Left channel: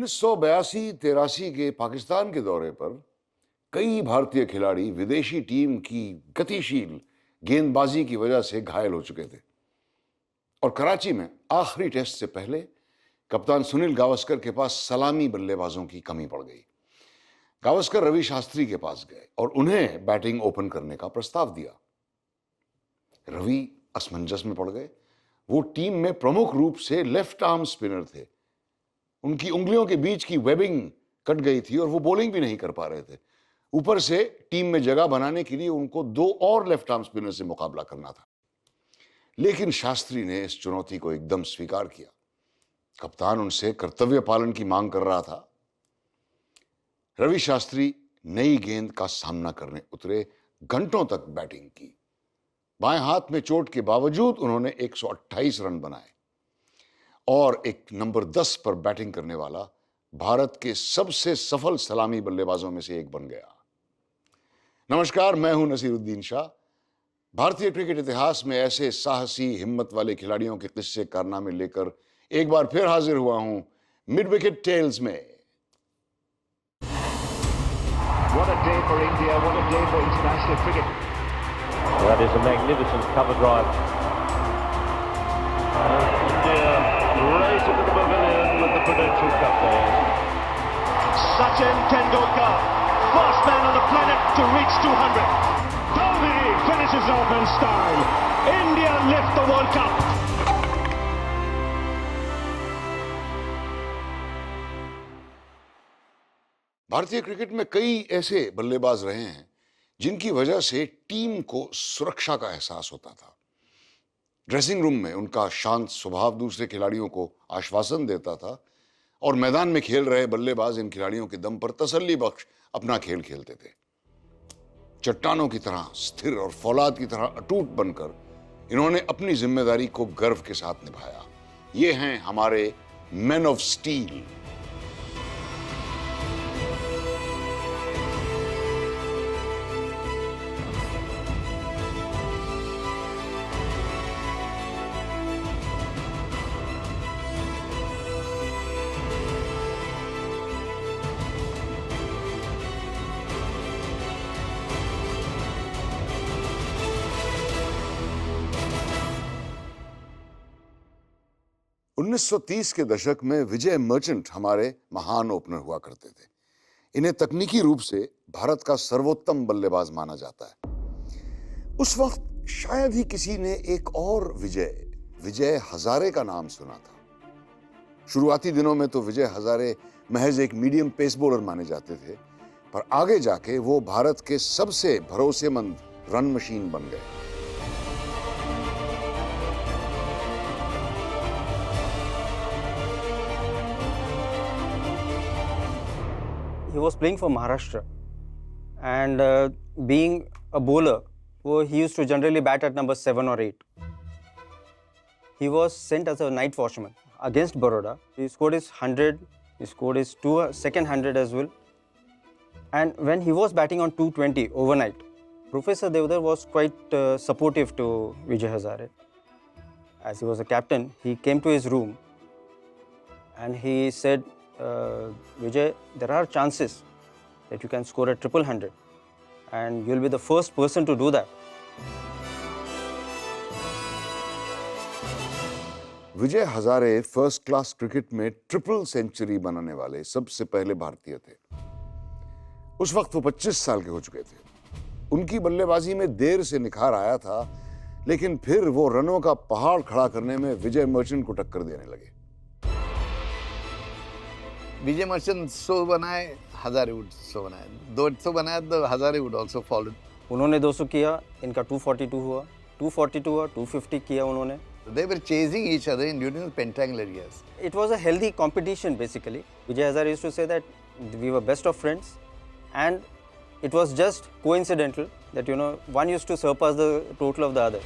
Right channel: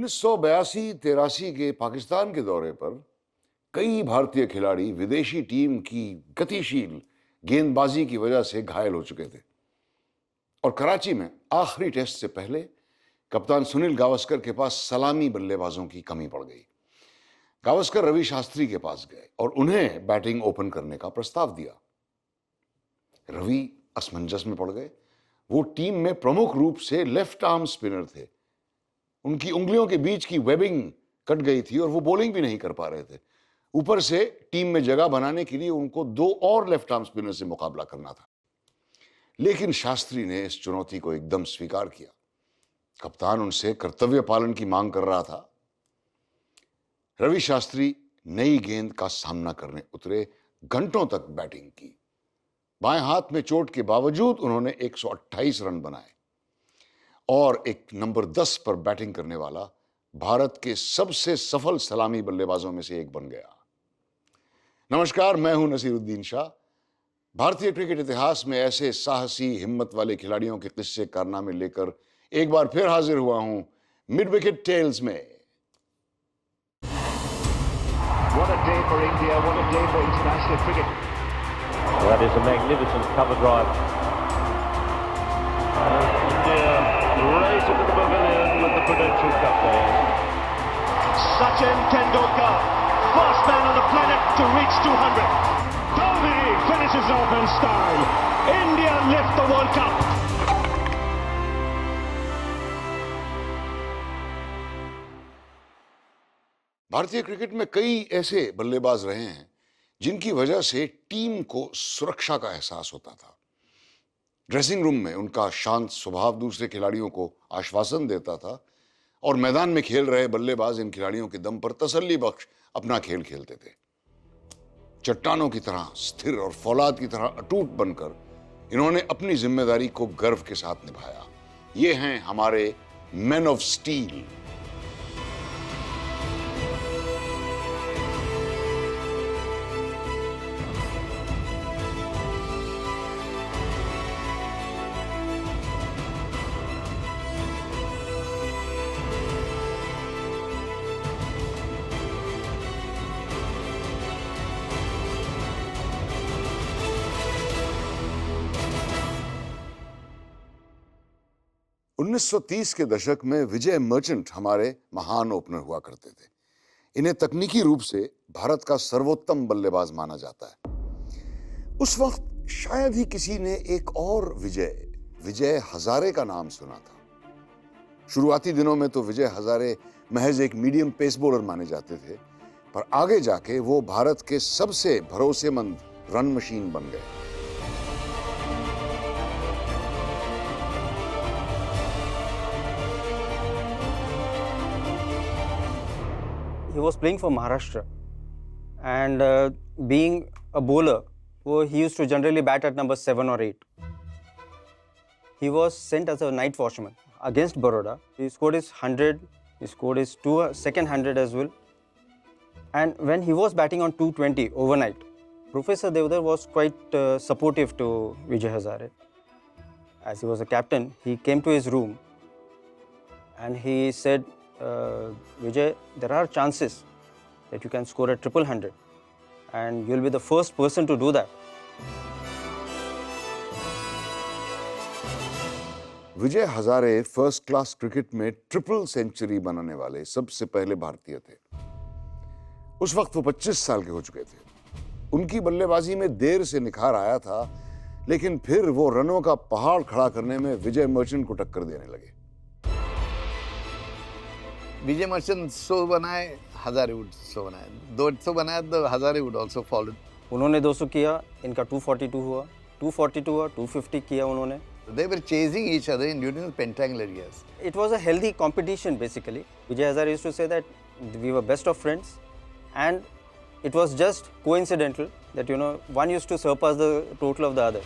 1982-83 के पाकिस्तान के दौरे पर कई भारतीय खिलाड़ी विदेशी टीम की गतिशील गेंदबाजी की वजह से घायल हो चुके थे और कराची में आखिरी टेस्ट से पहले कप्तान सुनील गावस्कर के पास सलामी बल्लेबाजों की कमी पड़ गई। गावस्कर रवि शास्त्री के पास गए और उन्हें बैटिंग ओपन करने का प्रस्ताव दिया। रवि असमंजस में पड़ गए। वो टीम में प्रमुख रूप से लेफ्ट आर्म स्पिनर थे। उनकी उंगलियों के बीच की वेबिंग कट गई थी और वो बॉलिंग भी नहीं कर पा रहे थे। ऊपर से टीम में जगह बनाने के लिए उनको दो और लेफ्ट आर्म स्पिनर से मुकाबला करना था। लेकिन शास्त्री ने इस चुनौती को एकदम स्वीकार किया। कप्तान उनसे कर्तव्य पालन की मांग कर रहा था। रवि शास्त्री नई गेंद का सामना करने उतरे। घंटों तक बैटिंग की। बाएं हाथ में चोट के बावजूद उन्होंने 128 रन बनाए और एक नंबर 10 पर बैटिंग करने वाला भारत के सबसे सफल सलामी बल्लेबाजों में से एक बन गया। नमस्कार, मैं हूं नसीरुद्दीन शाह। भारतीय क्रिकेट इतिहास में ऐसे साहसी हिम्मत वाले खिलाड़ियों के किस्से कारनामे लेकर एक बार फिर हाजिर हुआ हूं मिड विकेट टेल्स में। What a day for India, what a day for international cricket. That is a magnificent cover drive. India race into the pavilion with the Prudential captains. Sachin Tendulkar, first man on the planet to reach 200. Dhoni finishes off in style. India lift the World Cup. भारतीय cricket में कई ऐसे बल्लेबाज रहे हैं जिनकी वजह से टीम को सुरक्षा का एहसास होता था। ड्रेसिंग रूम में उनका शांत स्वभाव दूसरे खिलाड़ियों को आश्वासन देता था और मैदान में खेल रहे बल्लेबाज इन खिलाड़ियों के दम पर तसल्ली बख्श अपना खेल खेलते थे। चट्टानों की तरह स्थिर और फौलाद की तरह अटूट बनकर इन्होंने अपनी जिम्मेदारी को गर्व के साथ निभाया। ये हैं हमारे मैन ऑफ स्टील। उन्नीस 1930 के दशक में विजय मर्चेंट हमारे महान ओपनर हुआ करते थे। इन्हें तकनीकी रूप से भारत का सर्वोत्तम बल्लेबाज माना जाता है। उस वक्त शायद ही किसी ने एक और विजय हजारे का नाम सुना था। शुरुआती दिनों में तो विजय हजारे महज एक मीडियम पेस बॉलर माने जाते थे, पर आगे जाके वो भारत के सबसे भरोसेमंद रन मशीन बन गए। He was playing for Maharashtra, and being a bowler, he used to generally bat at number 7 or 8. He was sent as a night watchman against Baroda. He scored his 100, he scored his second 100 as well. And when he was batting on 220 overnight, Professor Devdar was quite supportive to Vijay Hazare. As he was a captain, he came to his room and he said, Vijay, there are chances that you can score a triple 100 and you'll be the first person to do that. Vijay Hazare first class cricket में triple century बनाने वाले सबसे पहले भारतीय थे। उस वक्त वो 25 साल के हो चुके थे। उनकी बल्लेबाजी में देर से निखार आया था, लेकिन फिर वो रनों का पहाड़ खड़ा करने में विजय मर्चेंट को टक्कर देने लगे। विजय मर्चेंट 100 बनाए, हजारे वुड 100 बनाए, 200 बनाए तो हजारे वुड आल्सो फॉलो। उन्होंने 200 किया, इनका 242 हुआ, 242 हुआ, 250 किया उन्होंने। They were chasing each other in during the pentangular years. It was a healthy competition basically. Vijay Hazare used to say that we were best of friends, and it was just coincidental that one used to surpass the total of the other.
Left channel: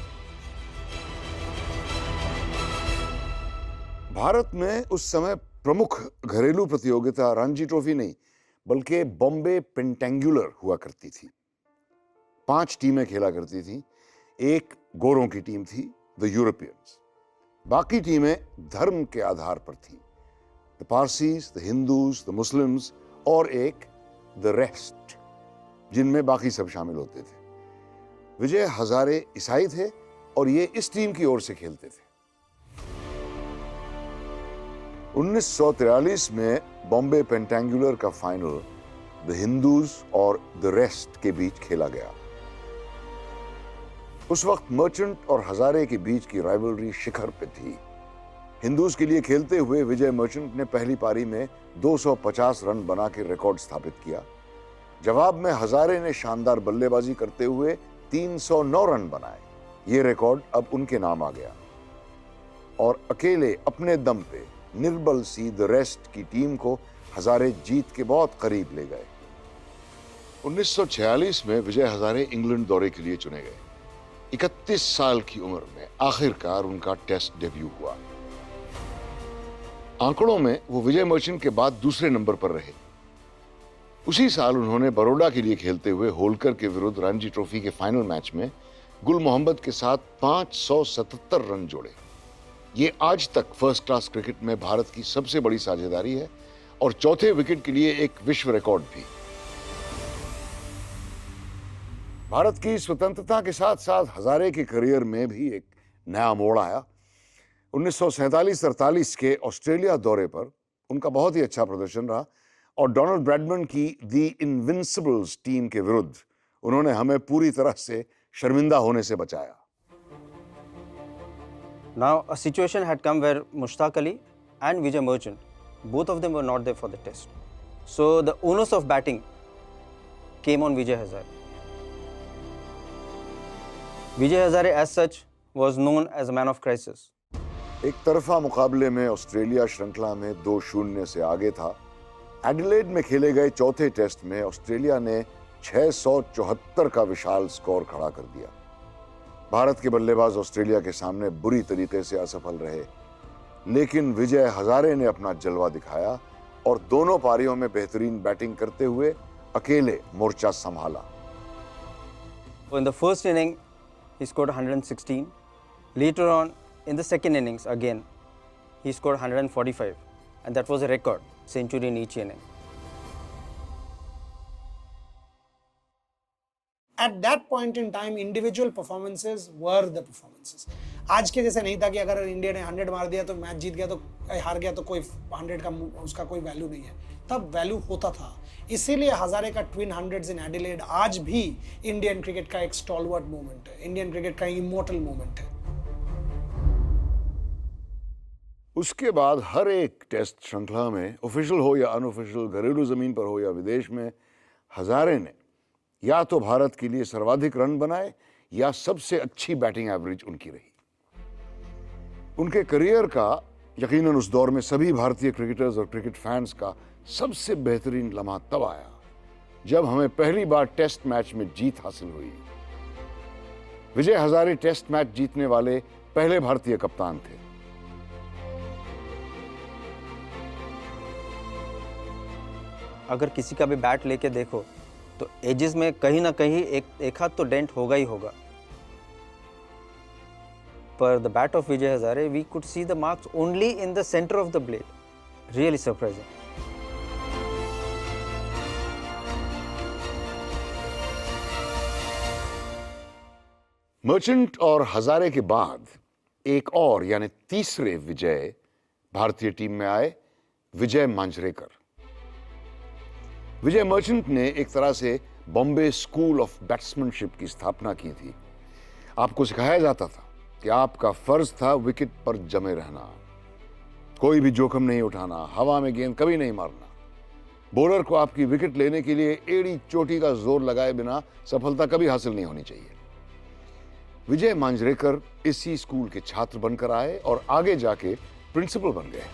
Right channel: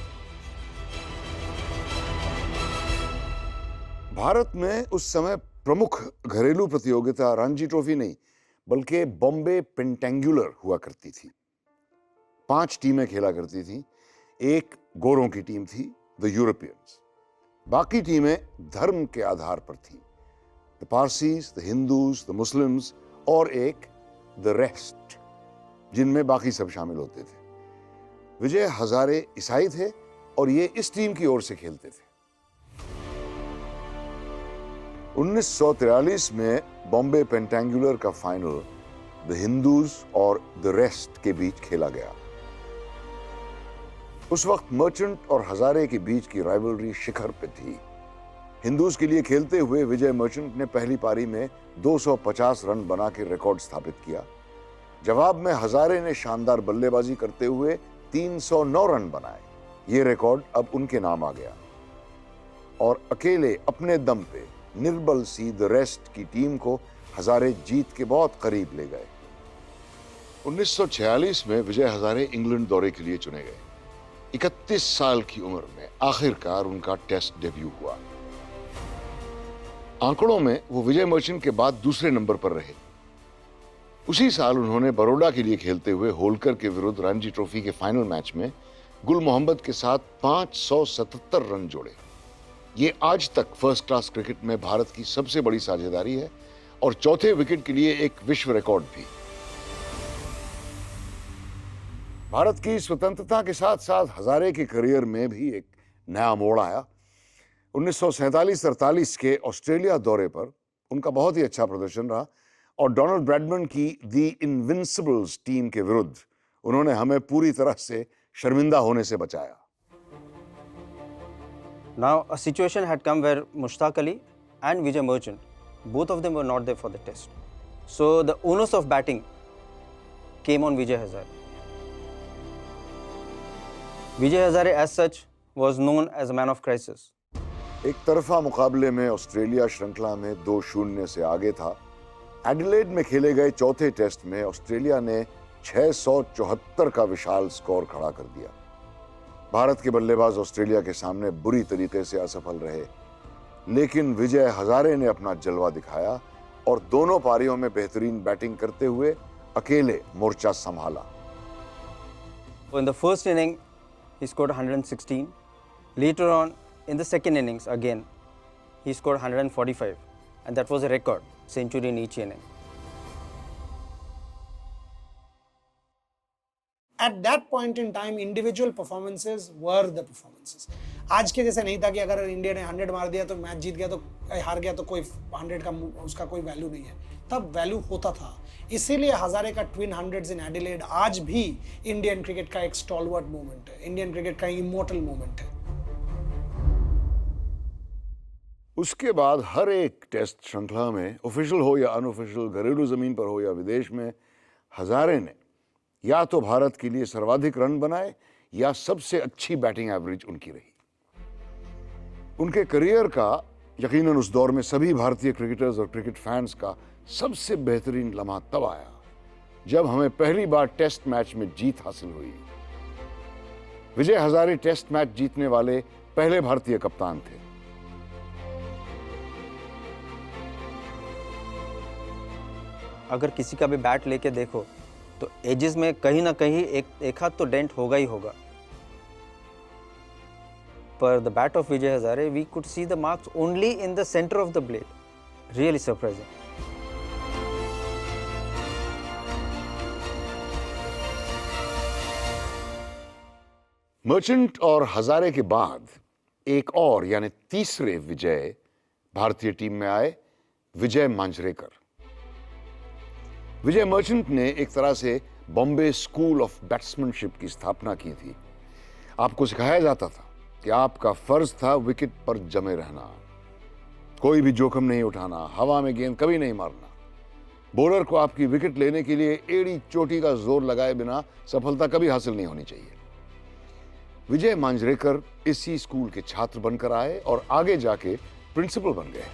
Bharat में उस समय प्रमुख घरेलू प्रतियोगिता Ranji trophy नहीं बल्कि Bombay pentangular हुआ करती थी। 5 टीमें खेला करती थी। एक गोरों की टीम थी, द यूरोपियंस। बाकी टीमें धर्म के आधार पर थी। The Parsis, the Hindus, the Muslims और एक द रेस्ट, जिनमें बाकी सब शामिल होते थे। विजय हजारे ईसाई थे और ये इस टीम की ओर से खेलते थे। 1943 में बॉम्बे पेंटेंगुलर का फाइनल द हिंदूज और द रेस्ट के बीच खेला गया। उस वक्त मर्चेंट और हजारे के बीच की राइवलरी शिखर पे थी। हिंदूज के लिए खेलते हुए विजय मर्चेंट ने पहली पारी में 250 रन बना के रिकॉर्ड स्थापित किया। जवाब में हजारे ने शानदार बल्लेबाजी करते हुए 309 रन बनाए। ये रिकॉर्ड अब उनके नाम आ गया और अकेले अपने दम पे निर्बल सी द रेस्ट की टीम को हजारे जीत के बहुत करीब ले गए। 1946 में विजय हजारे इंग्लैंड दौरे के लिए चुने गए। 31 साल की उम्र में आखिरकार उनका टेस्ट डेब्यू हुआ। आंकड़ों में वो विजय मर्चेंट के बाद दूसरे नंबर पर रहे। उसी साल उन्होंने बड़ौदा के लिए खेलते हुए होलकर के विरुद्ध रणजी ट्रॉफी के फाइनल मैच में गुल मोहम्मद के साथ 577 रन जोड़े। ये आज तक फर्स्ट क्लास क्रिकेट में भारत की सबसे बड़ी साझेदारी है और चौथे विकेट के लिए एक विश्व रिकॉर्ड भी। भारत की स्वतंत्रता के साथ साथ हजारे के करियर में भी एक नया मोड़ आया। 1947-48 के ऑस्ट्रेलिया दौरे पर उनका बहुत ही अच्छा प्रदर्शन रहा और डोनाल्ड ब्रैडमैन की दी इनविंसिबल्स टीम के विरुद्ध उन्होंने हमें पूरी तरह से शर्मिंदा होने से बचाया। Now a situation had come where Mushtaq Ali and Vijay Merchant, both of them were not there for the test. So the onus of batting came on Vijay Hazare. Vijay Hazare as such was known as a man of crisis. एक तरफा मुकाबले में Australia श्रृंखला में 2-0 से आगे था। Adelaide में खेले गए चौथे टेस्ट में ऑस्ट्रेलिया ने 674 का विशाल स्कोर खड़ा कर दिया। भारत के बल्लेबाज ऑस्ट्रेलिया के सामने बुरी तरीके से असफल रहे, लेकिन विजय हजारे ने अपना जलवा दिखाया और दोनों पारियों में बेहतरीन बैटिंग करते हुए अकेले मोर्चा संभाला। In the first inning, he scored 116. Later on, in the second innings, again, he scored 145, and that was a record century in each inning. At that point in time, individual performances were the performances. आज के जैसे नहीं था कि अगर India ने 100 मार दिया तो मैच जीत गया, तो हार गया तो कोई 100 का उसका कोई वैल्यू नहीं है। तब वैल्यू होता था। इसीलिए हजारे का ट्विन 100s इन एडिलेड आज भी इंडियन क्रिकेट का एक स्टॉलवर्ट मोमेंट है, इंडियन क्रिकेट का इमोर्टल मोमेंट है। उसके बाद हर एक टेस्ट श्रृंखला में, ऑफिशियल हो या अनऑफिशियल, घरेलू जमीन पर हो या विदेश में, हजारे ने या तो भारत के लिए सर्वाधिक रन बनाए या सबसे अच्छी बैटिंग एवरेज उनकी रही। उनके करियर का यकीनन उस दौर में सभी भारतीय क्रिकेटर्स और क्रिकेट फैंस का सबसे बेहतरीन लम्हा तब आया जब हमें पहली बार टेस्ट मैच में जीत हासिल हुई। विजय हजारे टेस्ट मैच जीतने वाले पहले भारतीय कप्तान थे। अगर किसी का भी बैट लेके देखो तो एजेस में कहीं ना कहीं एक हाथ तो डेंट होगा ही होगा, पर the bat of Vijay Hazare we could see the marks only in the centre of the blade. Really surprising. Merchant और हजारे के बाद एक और यानी तीसरे विजय भारतीय टीम में आए, विजय मांजरेकर. विजय मर्चेंट ने एक तरह से बॉम्बे स्कूल ऑफ बैट्समैनशिप की स्थापना की थी. आपको सिखाया जाता था कि आपका फर्ज था विकेट पर जमे रहना, कोई भी जोखिम नहीं उठाना, हवा में गेंद कभी नहीं मारना. बॉलर को आपकी विकेट लेने के लिए एड़ी चोटी का जोर लगाए बिना सफलता कभी हासिल नहीं होनी चाहिए. विजय मांजरेकर इसी स्कूल के छात्र बनकर आए और आगे जाके प्रिंसिपल बन गए.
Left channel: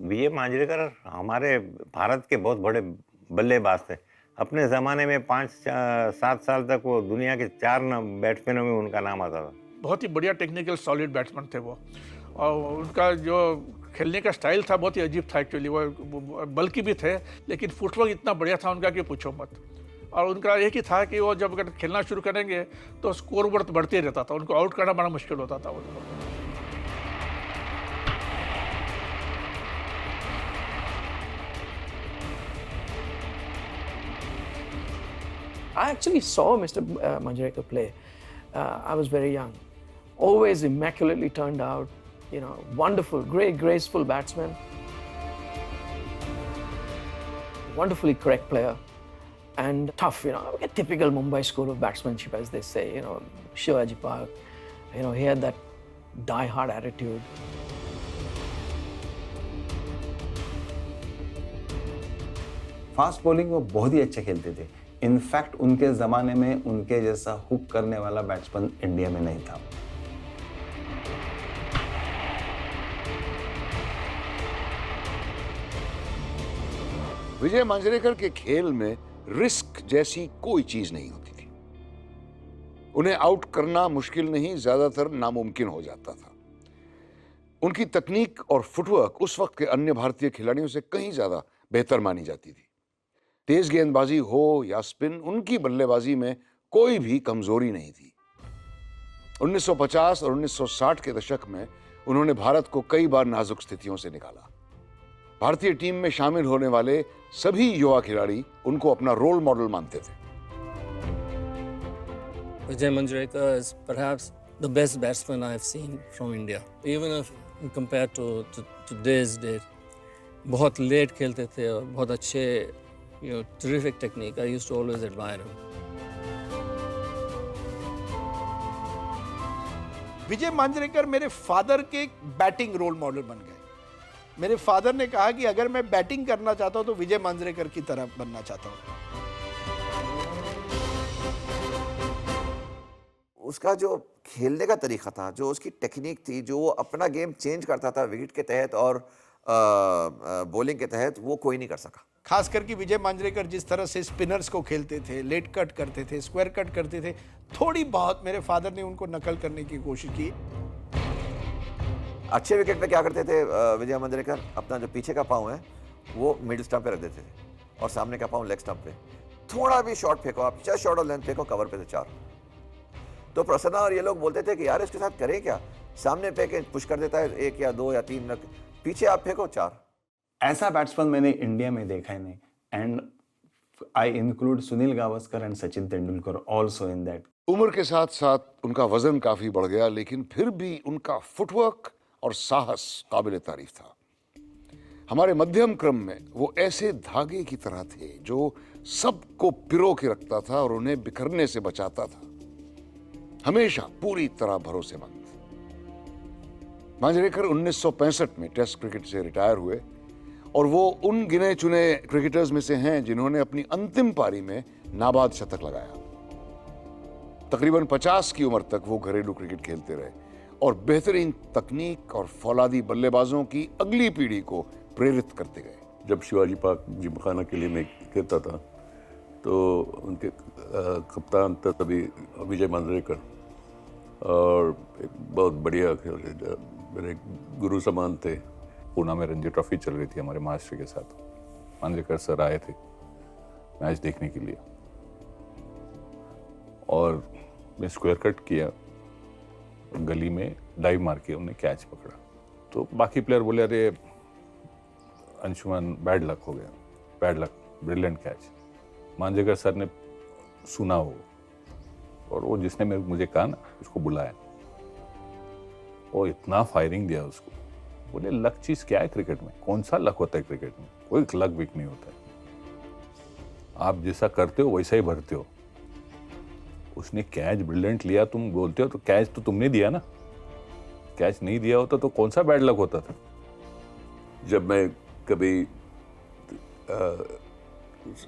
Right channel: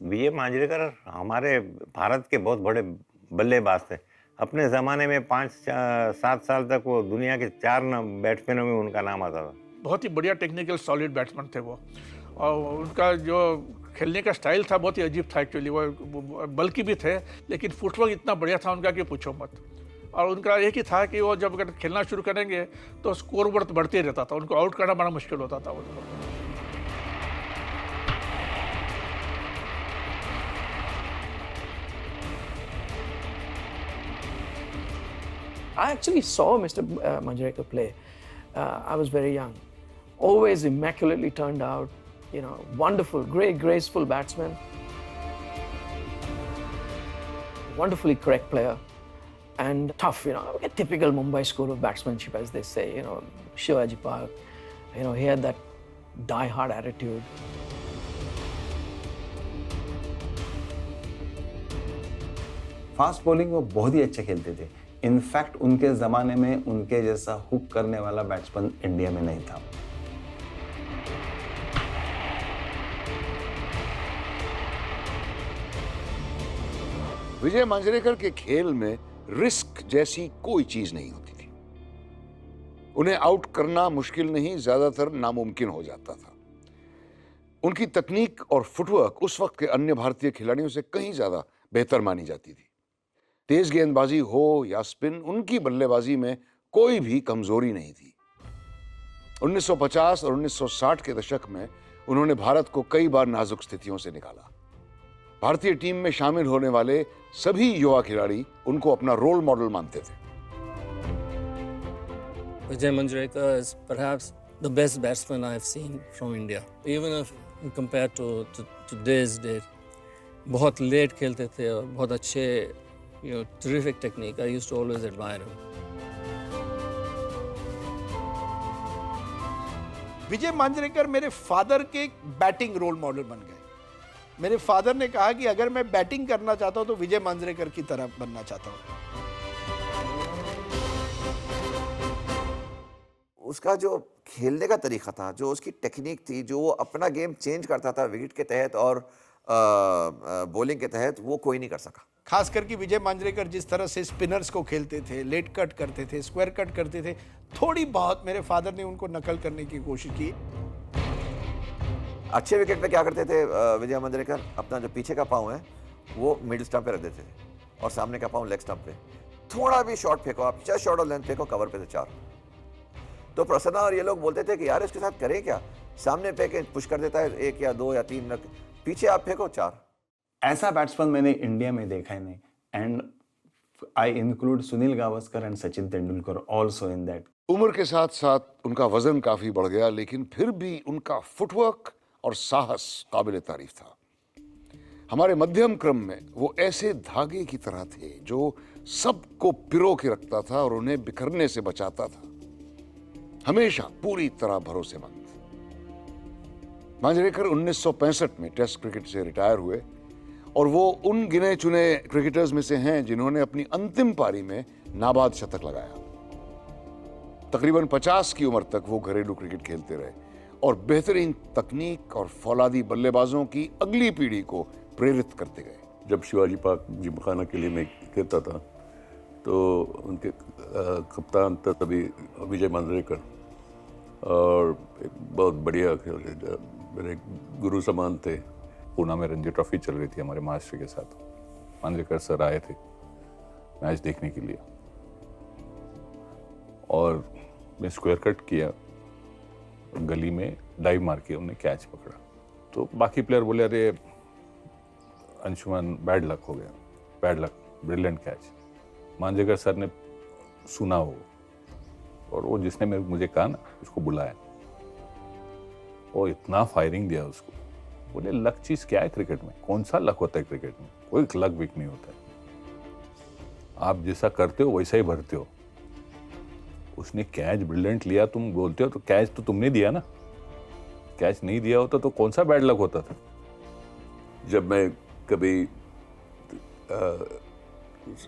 विजय मांजरेकर हमारे भारत के बहुत बड़े बल्लेबाज थे. अपने जमाने में 5-7 साल तक वो दुनिया के 4 बैट्समैनों में उनका नाम आता था. बहुत ही बढ़िया टेक्निकल सॉलिड बैट्समैन थे वो, और उनका जो खेलने का स्टाइल था बहुत ही अजीब था. एक्चुअली वो बल्कि भी थे, लेकिन फुटवर्क इतना बढ़िया था उनका कि पूछो मत. और उनका एक ही था कि वो जब अगर खेलना शुरू करेंगे तो स्कोर बोर्ड बढ़ते रहता था, उनको आउट करना बड़ा मुश्किल होता था वो लोग। I actually saw Mr. Manjrekar play. I was very young. Always immaculately turned out, you know, wonderful, great, graceful batsman. Wonderfully correct player. And tough, you know, a typical Mumbai school of batsmanship, as they say, you know, Shivaji Park. You know, he had that die-hard attitude. Fast bowling वो बहुत ही अच्छे खेलते थे। In fact उनके जमाने में उनके जैसा हुक करने वाला बैट्समैन इंडिया में नहीं था। विजय मांजरेकर के खेल में रिस्क जैसी कोई चीज नहीं होती थी। उन्हें आउट करना मुश्किल नहीं, ज्यादातर नामुमकिन हो जाता था। उनकी तकनीक और फुटवर्क उस वक्त के अन्य भारतीय खिलाड़ियों से कहीं ज्यादा बेहतर मानी जाती थी। तेज गेंदबाजी हो या स्पिन, उनकी बल्लेबाजी में कोई भी कमजोरी नहीं थी। 1950 और 1960 के दशक में उन्होंने भारत को कई बार नाजुक स्थितियों से निकाला। भारतीय टीम में शामिल होने वाले सभी युवा खिलाड़ी उनको अपना रोल मॉडल मानते थे। Vijay Manjrekar is perhaps the best batsman I have seen from India. Even if compared to today's date, बहुत लेट खेलते थे और बहुत अच्छे, you know, terrific technique. I used to always admire him. विजय मांजरेकर मेरे father के बैटिंग रोल मॉडल बन गए। मेरे फादर ने कहा कि अगर मैं बैटिंग करना चाहता हूं तो विजय मांजरेकर की तरह बनना चाहता हूं। उसका जो खेलने का तरीका था, जो उसकी टेक्निक थी, जो वो अपना गेम चेंज करता था विकेट के तहत और बॉलिंग के तहत, वो कोई नहीं कर सका। खास करके विजय मांजरेकर जिस तरह से स्पिनर्स को खेलते थे, लेट कट करते थे, स्क्वायर कट करते थे, थोड़ी बहुत मेरे फादर ने उनको नकल करने की कोशिश की। अच्छे विकेट पे क्या करते थे विजय मांजरेकर, अपना जो पीछे का पाँव है वो मिडिल स्टंप पे रख देते थे और सामने का पाँव लेग स्टंप पे। थोड़ा भी शॉट फेंको आप, चाहे शॉट और लेंथ फेंको, कवर पे से 4। तो प्रसन्ना और ये लोग बोलते थे कि यार इसके साथ करें क्या, सामने फेंके पुश कर देता है 1 या 2 या 3 रन, पीछे आप फेंको 4। ऐसा बैट्समैन मैंने इंडिया में देखा ही नहीं। And I include Sunil Gavaskar and Sachin Tendulkar also in that. उम्र के साथ साथ उनका वजन काफी बढ़ गया, लेकिन फिर भी उनका फुटवर्क और साहस काबिल तारीफ था। हमारे मध्यम क्रम में वो ऐसे धागे की तरह थे जो सबको पिरो के रखता था और उन्हें बिखरने से बचाता था। हमेशा पूरी तरह भरोसेमंद। मांजरेकर 1965 में टेस्ट क्रिकेट से रिटायर हुए और वो उन गिने चुने क्रिकेटर्स में से हैं जिन्होंने अपनी अंतिम पारी में नाबाद शतक लगाया। तकरीबन 50 की उम्र तक वो घरेलू क्रिकेट खेलते रहे और बेहतरीन तकनीक और फौलादी बल्लेबाजों की अगली पीढ़ी को प्रेरित करते गए। जब शिवाजी पार्क जिमखाना के लिए मैं खेलता था तो उनके कप्तान था तभी विजय मांजरेकर, और एक बहुत बढ़िया खेल, मेरे गुरु समान थे। पूना में रणजी ट्रॉफी चल रही थी हमारे महाराष्ट्र के साथ। मांजरेकर सर आए थे मैच देखने के लिए और मैं स्क्वायर कट किया, गली में डाइव मार के हमने कैच पकड़ा। तो बाकी प्लेयर बोले अरे अंशुमान बैड लक हो गया, bad luck, brilliant catch. Manjrekar sir ने सुना हो और वो जिसने मुझे कहा ना उसको बुलाया और इतना फायरिंग दिया उसको। बोले लक चीज क्या है क्रिकेट में, कौन सा लक होता है क्रिकेट में, कोई लक विक नहीं होता है, आप जैसा करते हो वैसा ही भरते हो। उसने कैच ब्रिलियंट लिया, तुम बोलते हो तो कैच तो तुमने दिया ना, कैच नहीं दिया होता तो कौन सा बैड लक होता था। जब मैं कभी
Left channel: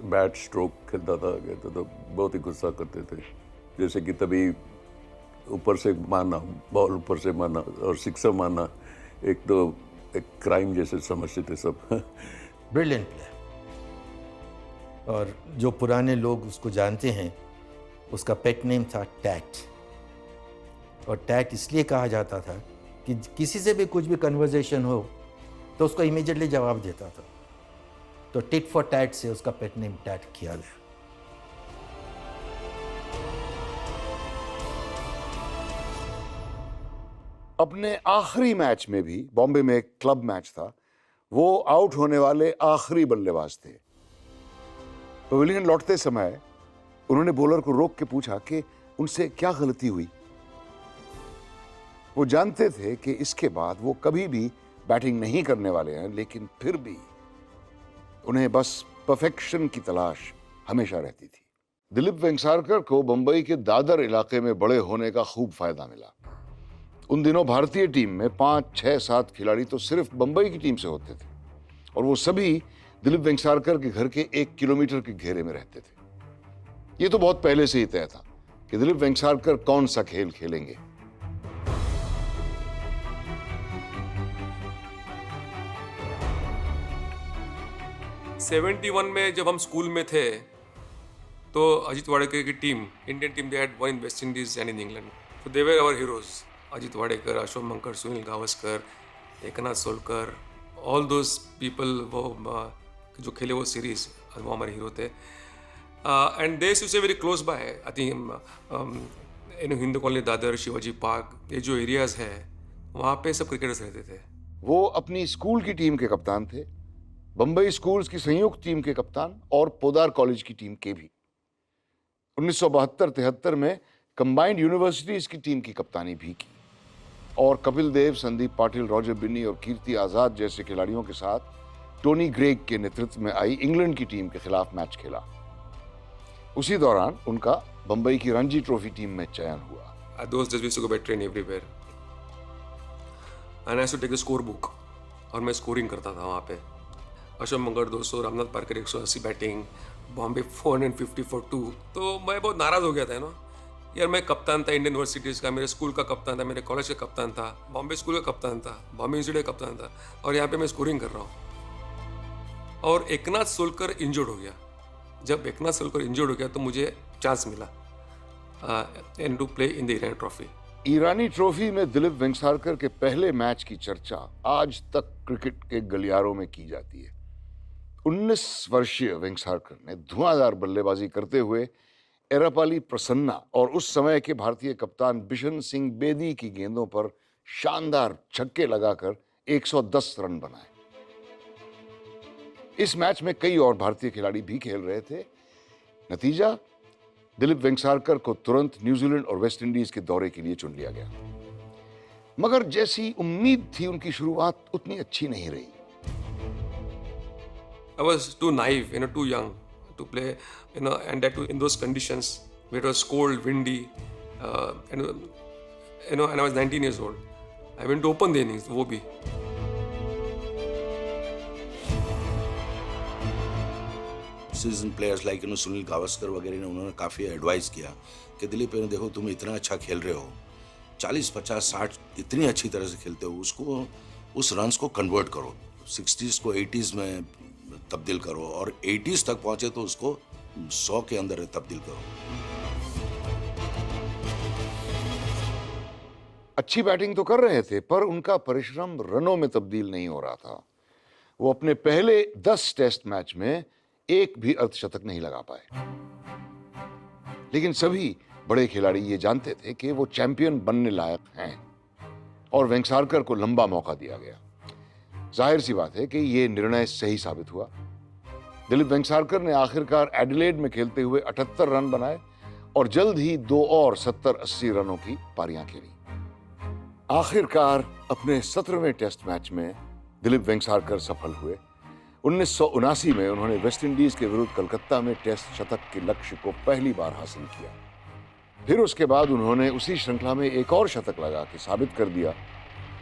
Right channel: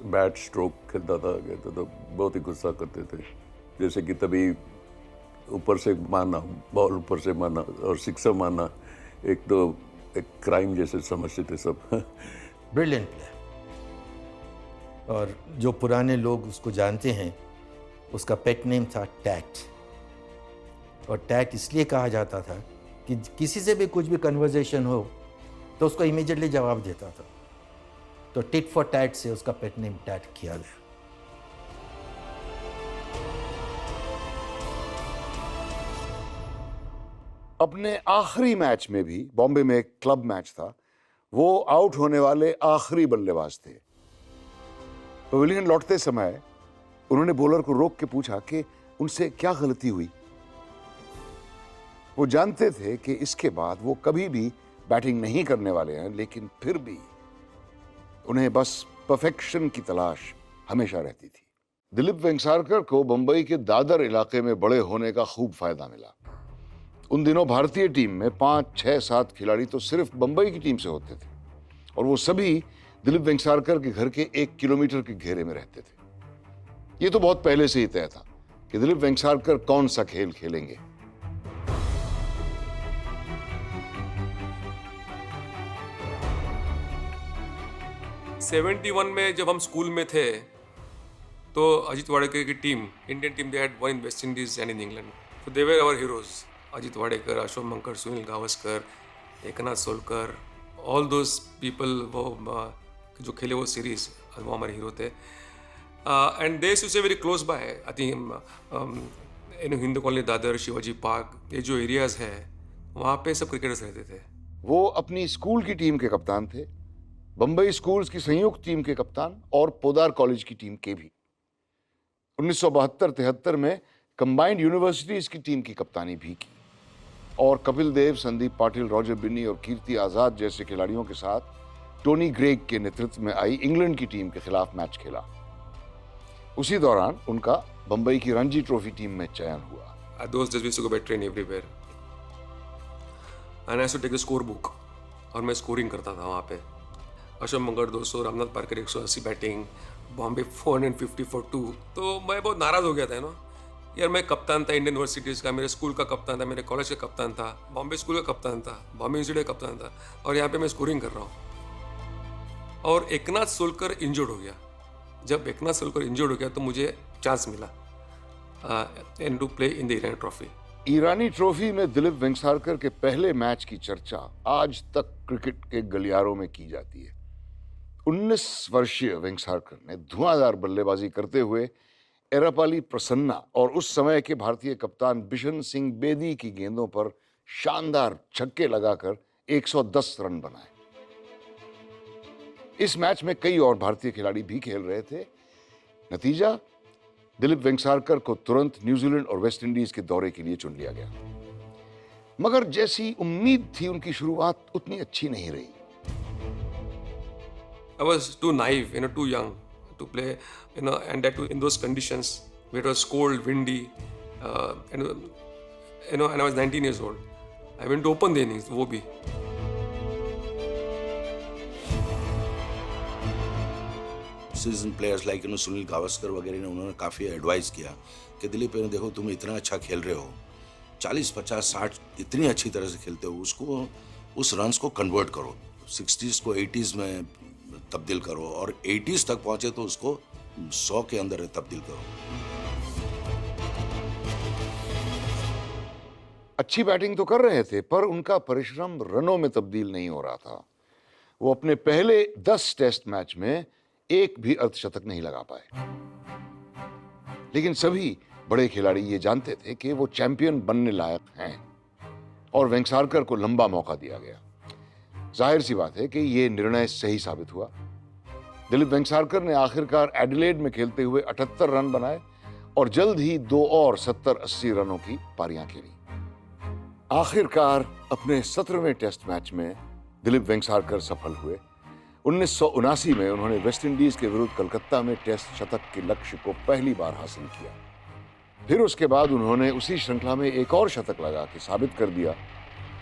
बैट स्ट्रोक खेलता था तो बहुत ही गुस्सा करते थे, जैसे कि तभी ऊपर से मारना, बॉल ऊपर से मारना और सिक्सर मारना एक क्राइम जैसे समझते थे सब। ब्रिलियंट प्लेयर, और जो पुराने लोग उसको जानते हैं उसका पेट नेम था टैट, और टैट इसलिए कहा जाता था कि किसी से भी कुछ भी कन्वर्सेशन हो तो उसको इमीडिएटली जवाब देता था, तो टिट फॉर टैट से उसका पेट नेम टैट किया गया। अपने आखिरी मैच में भी, बॉम्बे में एक क्लब मैच था, वो आउट होने वाले आखिरी बल्लेबाज थे। पवेलियन लौटते समय उन्होंने बॉलर को रोक के पूछा कि उनसे क्या गलती हुई। वो जानते थे कि इसके बाद वो कभी भी बैटिंग नहीं करने वाले हैं, लेकिन फिर भी उन्हें बस परफेक्शन की तलाश हमेशा रहती थी। दिलीप वेंगसारकर को बंबई के दादर इलाके में बड़े होने का खूब फायदा मिला। उन दिनों भारतीय टीम में 5, 6, 7 खिलाड़ी तो सिर्फ बंबई की टीम से होते थे, और वो सभी दिलीप वेंगसारकर के घर के 1 किलोमीटर के घेरे में रहते थे। ये तो बहुत पहले से ही तय था कि दिलीप वेंगसारकर कौन सा खेल खेलेंगे। '71 में जब हम स्कूल में थे तो अजीत वाडेकर की टीम, Indian team, they had won in West Indies and in England, तो they were our heroes. Ajit Wadekar, Ashok Mankad, Sunil Gavaskar, Eknath Solkar, all those people, वो जो खेले वो सीरीज, वो हमारे हीरो थे। And they used to stay very close by, I think in Hindu colony, Dadar, Shivaji park, ये जो एरियाज है वहाँ पे सब क्रिकेटर्स रहते थे। वो अपनी स्कूल की टीम के कप्तान थे, बंबई स्कूल्स की संयुक्त टीम के कप्तान और पोदार कॉलेज की टीम के भी। 1972-73 में कंबाइंड यूनिवर्सिटीज की टीम की कप्तानी भी की, और कपिल देव, संदीप पाटिल, रॉजर बिन्नी और कीर्ति आजाद जैसे खिलाड़ियों के साथ टोनी ग्रेग के नेतृत्व में आई इंग्लैंड की टीम के खिलाफ मैच खेला। उसी दौरान उनका बंबई की रणजी ट्रॉफी टीम में चयन हुआ। Those days we used to go by train everywhere, and I used to take a score book, और मैं स्कोरिंग करता था वहाँ पे। अशोक मंगर 200, रामनाथ पारकर 180 बैटिंग, बॉम्बे 450 for 2। तो मैं बहुत नाराज हो गया था ना यार, मैं कप्तान था इंडियन यूनिवर्सिटीज का, मेरे स्कूल का कप्तान था, मेरे कॉलेज का कप्तान था, बॉम्बे स्कूल का कप्तान था, बॉम्बे यूनिवर्सिटी का कप्तान था, और यहाँ पे मैं स्कोरिंग कर रहा हूँ। और एकनाथ सोलकर इंजर्ड हो गया। जब एकनाथ सोलकर इंजर्ड हो गया तो मुझे चांस मिला and to play in the Irani Trophy. Irani Trophy में दिलीप वेंगसारकर के पहले मैच की चर्चा आज तक क्रिकेट के गलियारों में की जाती है। 19 वर्षीय वेंगसारकर ने धुआंधार बल्लेबाजी करते हुए एरापाली प्रसन्ना और उस समय के भारतीय कप्तान बिशन सिंह बेदी की गेंदों पर शानदार छक्के लगाकर 110 रन बनाए। इस मैच में कई और भारतीय खिलाड़ी भी खेल रहे थे। नतीजा, दिलीप वेंगसारकर को तुरंत न्यूजीलैंड और वेस्ट इंडीज के दौरे के लिए चुन लिया गया, मगर जैसी उम्मीद थी उनकी शुरुआत उतनी अच्छी नहीं रही। I was too naive, too young to play, and that too in those conditions where it was cold, windy, and I was 19 years old. I went to open the innings, वो भी। Season players like Sunil Gavaskar वगैरह ने उन्होंने काफ़ी advice किया कि दिलीप देखो तुम इतना अच्छा खेल रहे हो, 40, 50, 60 इतनी अच्छी तरह से खेलते हो, उसको उस रन्स को कन्वर्ट करो, 60s को 80s में तब्दील करो, और 80s तक पहुंचे तो उसको 100 के अंदर तब्दील करो। अच्छी बैटिंग तो कर रहे थे, पर उनका परिश्रम रनों में तब्दील नहीं हो रहा था। वो अपने पहले 10 टेस्ट मैच में एक भी अर्धशतक नहीं लगा पाए। लेकिन सभी बड़े खिलाड़ी ये जानते थे कि वो चैंपियन बनने लायक हैं, और वेंगसारकर को लंबा मौका दिया गया। जाहिर सी बात है कि ये निर्णय सही साबित हुआ। दिलीप वेंगसारकर ने आखिरकार एडिलेड में खेलते हुए 78 रन बनाए और जल्द ही 2 और 70-80 रनों की पारियां खेली। आखिरकार अपने 17वें टेस्ट मैच में दिलीप वेंगसारकर सफल हुए। 1979 में उन्होंने वेस्ट इंडीज के विरुद्ध कलकत्ता में टेस्ट शतक के लक्ष्य को पहली बार हासिल किया। फिर उसके बाद उन्होंने उसी श्रृंखला में एक और शतक लगा के साबित कर दिया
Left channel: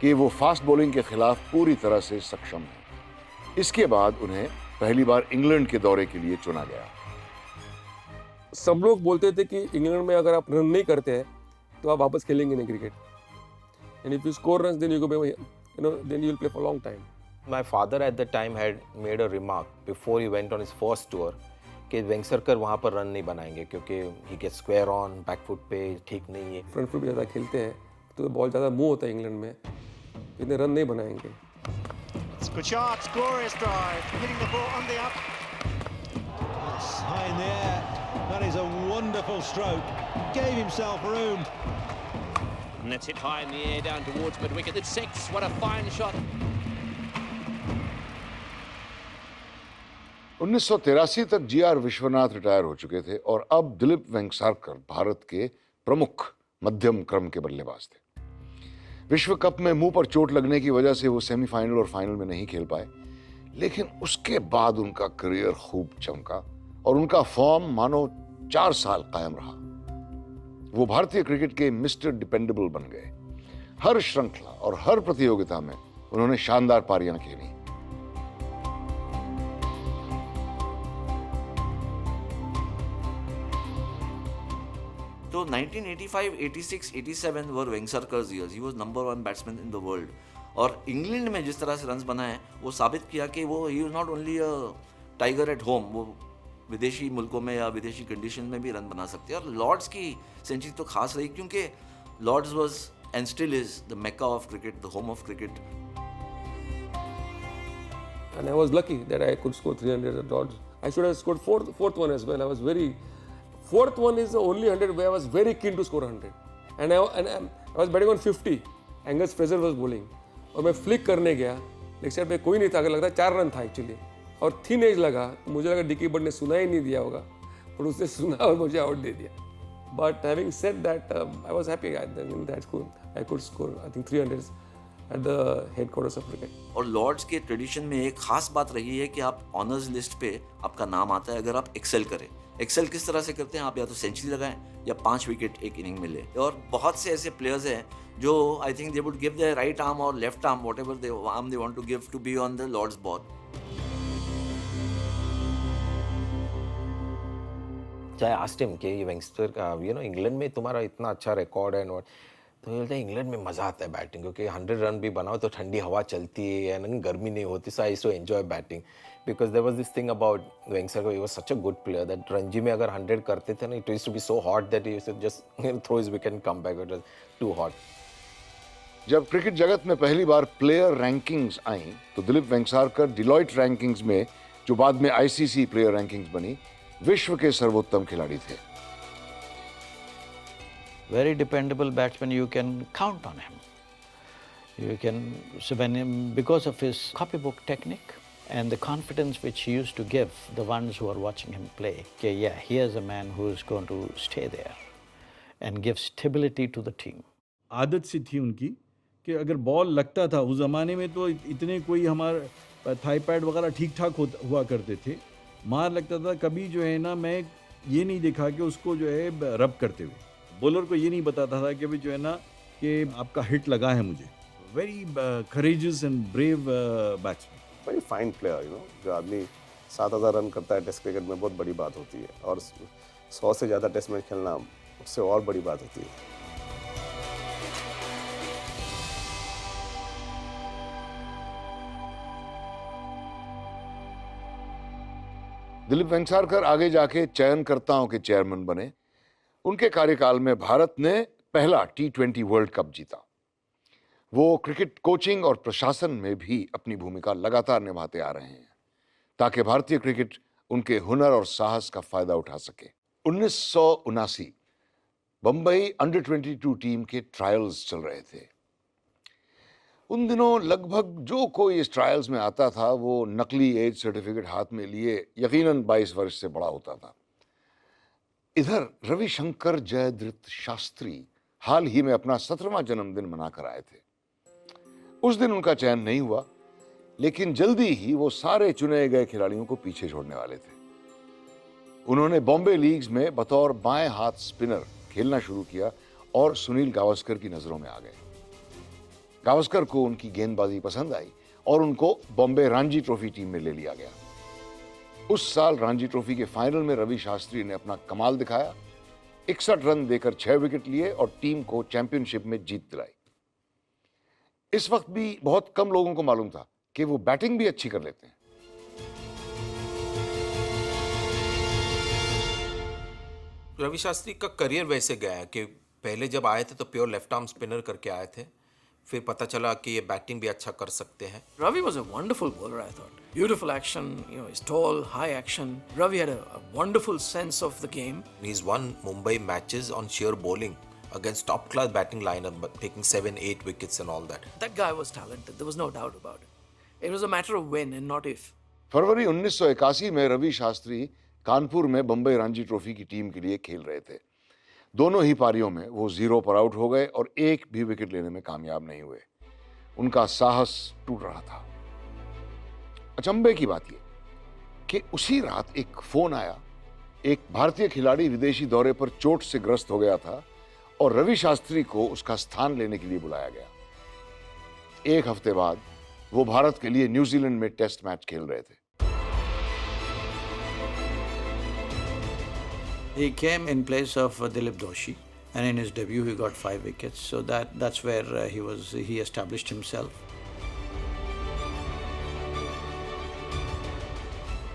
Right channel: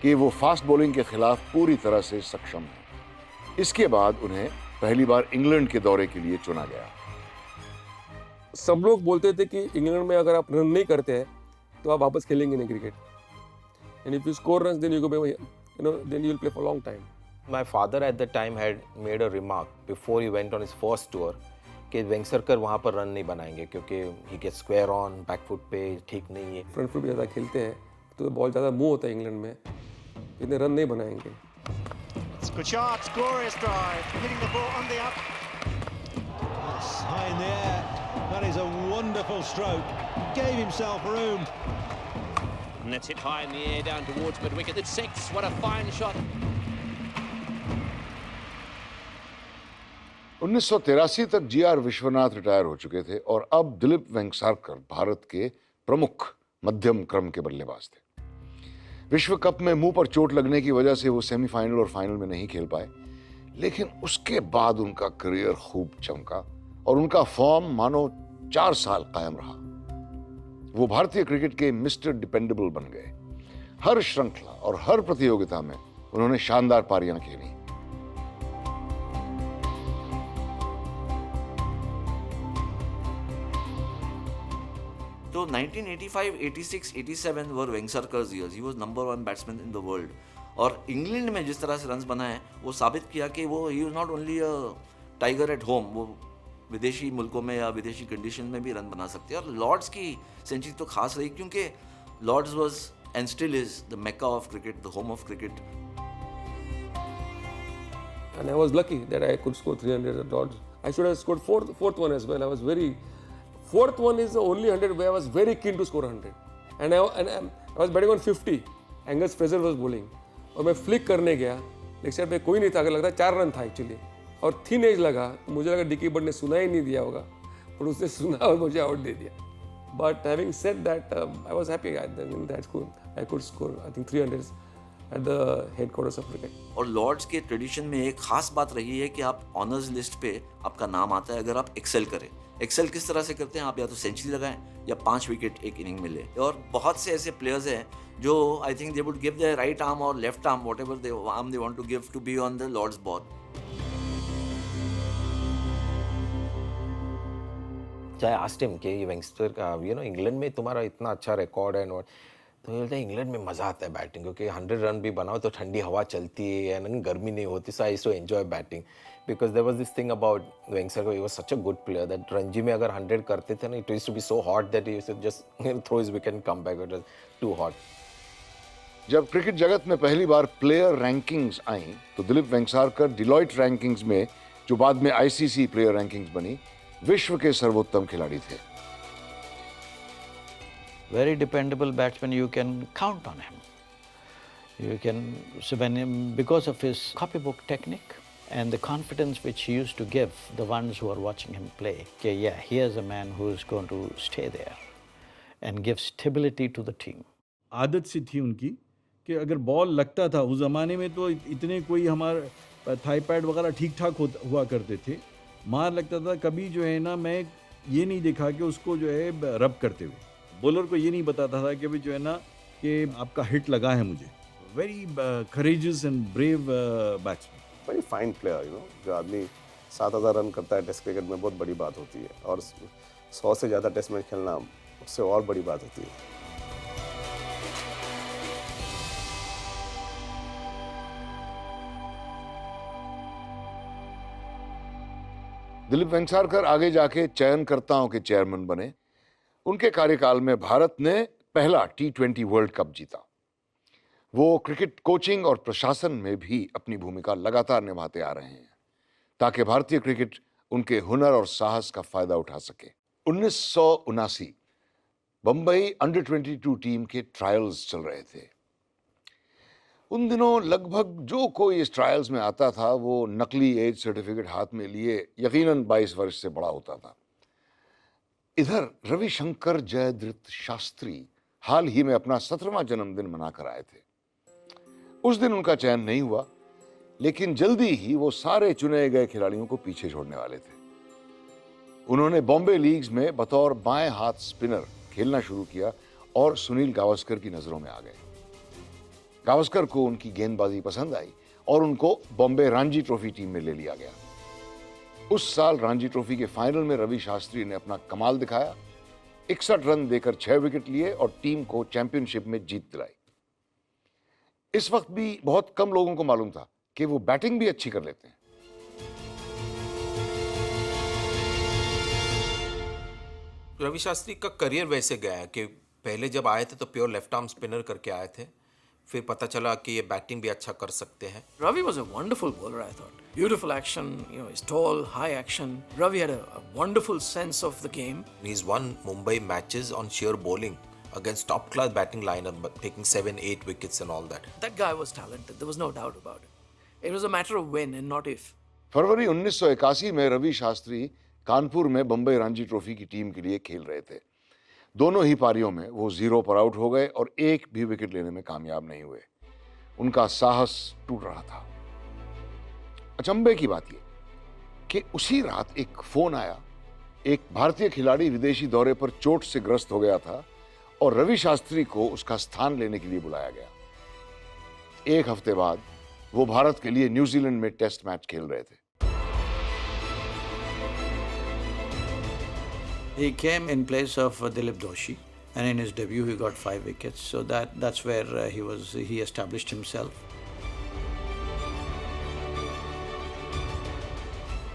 कि वो फास्ट बॉलिंग के खिलाफ पूरी तरह से सक्षम है। इसके बाद उन्हें पहली बार इंग्लैंड के दौरे के लिए चुना गया। सब लोग बोलते थे कि इंग्लैंड में अगर आप रन नहीं करते तो आप वापस खेलेंगे नहीं cricket, and if you score runs then you go then you will play for long time. My father at the time had made a remark before he went on his first tour कि वेंगसरकर वहाँ पर run नहीं बनाएंगे क्योंकि he gets square on, back foot पे ठीक नहीं है। फ्रंट फुट ज़्यादा खेलते हैं तो बहुत ज़्यादा मुंह होता है इंग्लैंड में, इतने रन नहीं बनाएंगे। Scotchard's glorious drive, hitting the ball on the up. In there, that is a wonderful stroke. Gave himself room. And it's hit high in the air down towards mid-wicket. It's 6. What a fine shot. 1983 तक GR Vishwanath retire हो चुके थे और अब दिलीप वेंगसरकर भारत के प्रमुख मध्यम क्रम के बल्लेबाज थे। विश्व कप में मुंह पर चोट लगने की वजह से वो सेमीफाइनल और फाइनल में नहीं खेल पाए, लेकिन उसके बाद उनका करियर खूब चमका और उनका फॉर्म मानो 4 साल कायम रहा। वो भारतीय क्रिकेट के मिस्टर डिपेंडेबल बन गए। हर श्रृंखला और हर प्रतियोगिता में उन्होंने शानदार पारियां खेली। तो 1985, 86, 87 were Vengsarkar's years. He was number 1 batsman in the world. और इंग्लैंड में जिस तरह से रन्स बनाए वो साबित किया कि वो he is not only a tiger at home, वो विदेशी मुल्कों में या विदेशी कंडीशन में भी रन बना सकते हैं। और लॉर्ड्स की सेंचुरी तो खास रही क्योंकि Lord's was and still is the Mecca of cricket, the home of cricket. And I was lucky that I could score 300 at Lords. I should have scored fourth one as well. I was very fourth one is the only 100 where I was very keen to score 100. And I was batting on 50. Angus Fraser was bowling. और मैं flick करने गया, leg side पे कोई नहीं था, लगता है 4 रन था एक्चुअली और थिन एज लगा, तो मुझे लगा डिकी बर्ड ने सुना ही नहीं दिया होगा, पर उसने सुना और मुझे आउट दे दिया। But having said that I was happy in that score. I could score I think 300 at the headquarters of cricket. और लॉर्ड्स के ट्रेडिशन में एक खास बात रही है कि आप ऑनर्स लिस्ट पे आपका नाम आता है अगर आप एक्सेल करें। एक्सेल किस तरह से करते हैं, आप या तो सेंचुरी लगाएं या 5 विकेट एक इनिंग में ले। और बहुत से ऐसे प्लेयर्स हैं जो I think they would give their right arm और left arm, whatever they arm they want to give to be on the Lord's ball. चाहे आस्क्ड हिम कि ये वेंगस्टर का इंग्लैंड में तुम्हारा इतना अच्छा रिकॉर्ड है, तो बोलते हैं इंग्लैंड में मजा आता है बैटिंग, क्योंकि 100 रन भी बनाओ तो ठंडी हवा चलती है एंड गर्मी नहीं होती। So I used to enjoy batting because there was this thing about Vengsarkar, he was such a good player that Ranji में अगर 100 करते थे ना, it used to be so hot that he used to just throw his wicket and come back, it was too hot. जब cricket जगत में पहली बार player rankings आई तो दिलीप वेंगसरकर डिलॉयट रैंकिंग्स में, जो बाद में आईसीसी प्लेयर रैंकिंग्स बनी, विश्व के सर्वोत्तम खिलाड़ी थे। Very dependable batsman, you can count on him. You can, so because of his copybook technique and the confidence which he used to give the ones who are watching him play, okay, yeah, here's a man who is going to stay there and give stability to the team. आदत सी थी उनकी कि अगर ball लगता था, उस जमाने में तो इतने कोई हमारे थाई पैड वगैरह ठीक ठाक हुआ करते थे, मार लगता था, कभी जो है ना मैं ये नहीं देखा कि उसको जो है रब करते हुए, बॉलर को ये नहीं बताता था कि भी जो है ना कि आपका हिट लगा है मुझे। Very courageous and brave batsman. Very fine player, जो आदमी 7000 रन करता है टेस्ट क्रिकेट में, बहुत बड़ी बात होती है, और 100 से ज़्यादा टेस्ट मैच खेलना उससे और बड़ी बात होती है। दिलीप वेंगसरकर आगे जाके चयनकर्ताओं के चेयरमैन बने। उनके कार्यकाल में भारत ने पहला T20 वर्ल्ड कप जीता। वो क्रिकेट कोचिंग और प्रशासन में भी अपनी भूमिका लगातार निभाते आ रहे हैं ताकि भारतीय क्रिकेट उनके हुनर और साहस का फायदा उठा सके। 1979 बंबई अंडर-22 टीम के ट्रायल्स चल रहे थे। उन दिनों लगभग जो कोई इस ट्रायल्स में आता था वो नकली एज सर्टिफिकेट हाथ में लिए यकीनन 22 वर्ष से बड़ा होता था। इधर रविशंकर जयद्रथ शास्त्री हाल ही में अपना 17वां जन्मदिन मनाकर आए थे। उस दिन उनका चयन नहीं हुआ, लेकिन जल्दी ही वो सारे चुने गए खिलाड़ियों को पीछे छोड़ने वाले थे। उन्होंने बॉम्बे लीग्स में बतौर बाएं हाथ स्पिनर खेलना शुरू किया और सुनील गावस्कर की नजरों में आ गए। गावस्कर को उनकी गेंदबाजी पसंद आई और उनको बॉम्बे रणजी ट्रॉफी टीम में ले लिया गया। उस साल रणजी ट्रॉफी के फाइनल में रवि शास्त्री ने अपना कमाल दिखाया, 61 रन देकर 6 विकेट लिए और टीम को चैंपियनशिप में जीत दिलाई। इस वक्त भी बहुत कम लोगों को मालूम था कि वो बैटिंग भी अच्छी कर लेते हैं। रवि शास्त्री का करियर वैसे गया कि पहले जब आए थे तो प्योर लेफ्ट आर्म स्पिनर करके आए थे, फिर पता चला कि ये बैटिंग भी अच्छा कर सकते हैं। Ravi was a wonderful bowler, I thought. Beautiful action, he's tall, high action. Ravi had a wonderful sense of the game. He's won Mumbai matches on sheer bowling. against top class batting lineup, but taking 7-8 wickets and all that. That guy was talented. There was no doubt about it. It was a matter of when and not if. फरवरी 1981 में रवि शास्त्री कानपुर में Bombay Ranji trophy की team के लिए खेल रहे थे। दोनों ही पारियों में वो 0 पर आउट हो गए और एक भी विकेट लेने में कामयाब नहीं हुए। उनका साहस टूट रहा था। अचंभे की बात यह कि उसी रात एक फोन आया। एक भारतीय खिलाड़ी विदेशी दौरे पर चोट से ग्रस्त हो गया था और रवि शास्त्री को उसका स्थान लेने के लिए बुलाया गया। एक हफ्ते बाद वो भारत के लिए न्यूजीलैंड में टेस्ट मैच खेल रहे थे। He came in place of Dilip Doshi, and in his debut he got 5 wickets. So that's where he established himself.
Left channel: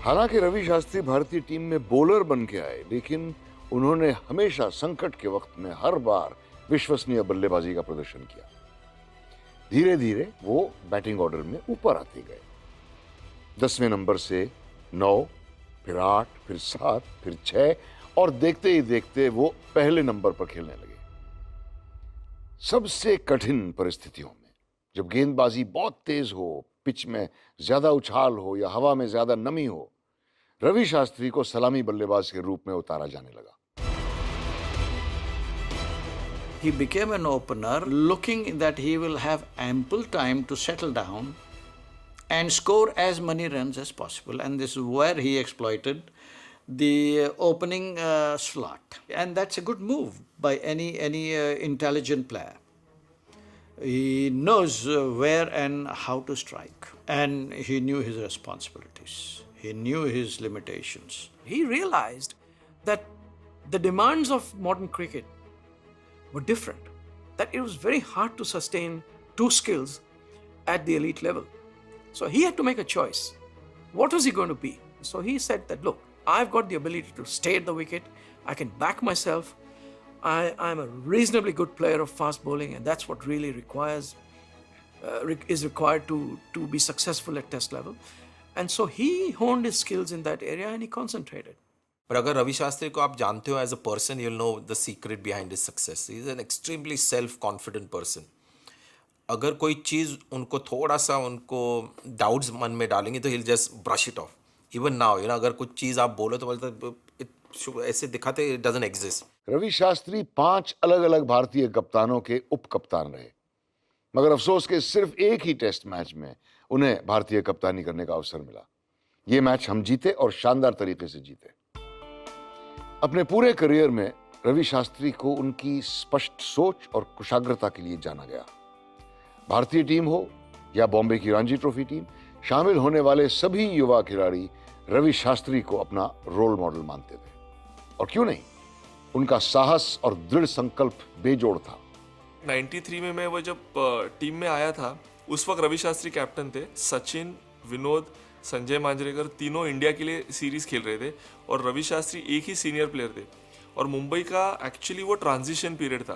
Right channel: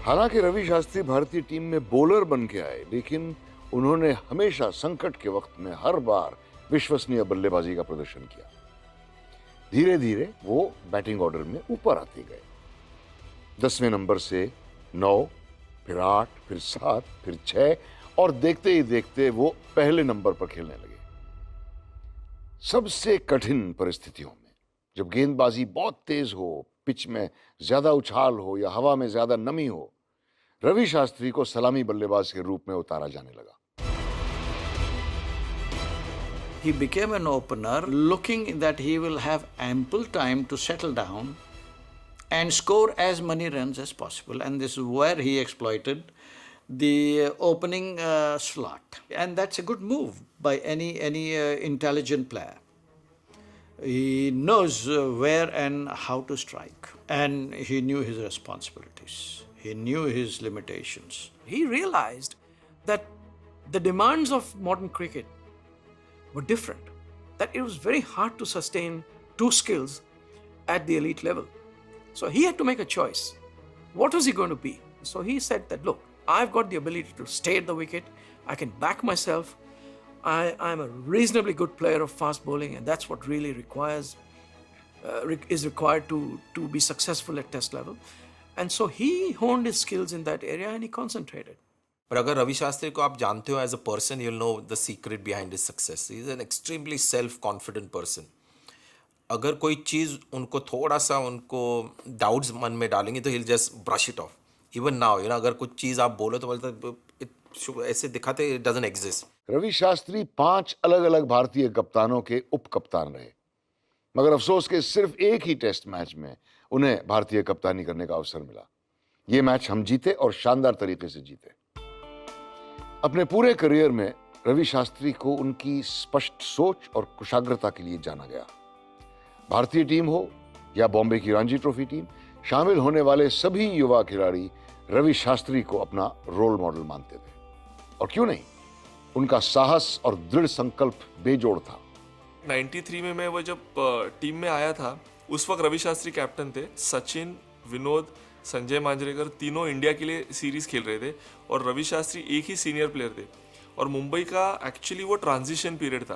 हालांकि रवि शास्त्री भारतीय टीम में बॉलर बन के आए, लेकिन उन्होंने हमेशा संकट के वक्त में हर बार विश्वसनीय बल्लेबाजी का प्रदर्शन किया। धीरे धीरे वो बैटिंग ऑर्डर में ऊपर आते गए। 10वें नंबर से 9, फिर 8, फिर 7, फिर 6 और देखते ही देखते वो पहले नंबर पर खेलने लगे। सबसे कठिन परिस्थितियों में, जब गेंदबाजी बहुत तेज हो, पिच में ज्यादा उछाल हो या हवा में ज्यादा नमी हो, रवि शास्त्री को सलामी बल्लेबाज के रूप में उतारा जाने लगा। He became an opener looking that he will have ample time to settle down and score as many runs as possible, and this is where he exploited the opening slot, and that's a good move by any intelligent player. He knows where and how to strike, and he knew his responsibilities. He knew his limitations. He realized that the demands of modern cricket were different, that it was very hard to sustain 2 skills at the elite level. So he had to make a choice. What was he going to be? So he said that, look, I've got the ability to stay at the wicket. I can back myself. I'm a reasonably good player of fast bowling, and that's what really is required to be successful at test level. And so he honed his skills in that area and he concentrated. पर अगर रवि शास्त्री को आप जानते हो as a person, you know the secret behind his success. He is an extremely self confident person. अगर कोई चीज उनको थोड़ा सा उनको डाउट्स मन में डालेंगे तो he will just brush it off. Even now you know, अगर कुछ चीज आप बोलो तो बोलते ऐसे दिखाते it doesn't exist. Ravi Shastri 5 अलग अलग भारतीय कप्तानों के उप कप्तान रहे, मगर अफसोस के सिर्फ एक ही टेस्ट मैच में उन्हें भारतीय कप्तानी करने का अवसर मिला। ये मैच हम जीते और शानदार तरीके से जीते। अपने पूरे करियर में रवि शास्त्री को उनकी स्पष्ट सोच और कुशाग्रता के लिए जाना गया। भारतीय टीम हो या बॉम्बे की रणजी ट्रॉफी टीम, शामिल होने वाले सभी युवा खिलाड़ी रवि शास्त्री को अपना रोल मॉडल मानते थे। और क्यों नहीं, उनका साहस और दृढ़ संकल्प बेजोड़ था। 93 में मैं वो जब टीम में आया था, उस वक्त रवि शास्त्री कैप्टन थे। सचिन, विनोद, संजय मांजरेकर तीनों इंडिया के लिए सीरीज खेल रहे थे और रवि शास्त्री एक ही सीनियर प्लेयर थे। और मुंबई का एक्चुअली वो ट्रांजिशन पीरियड था,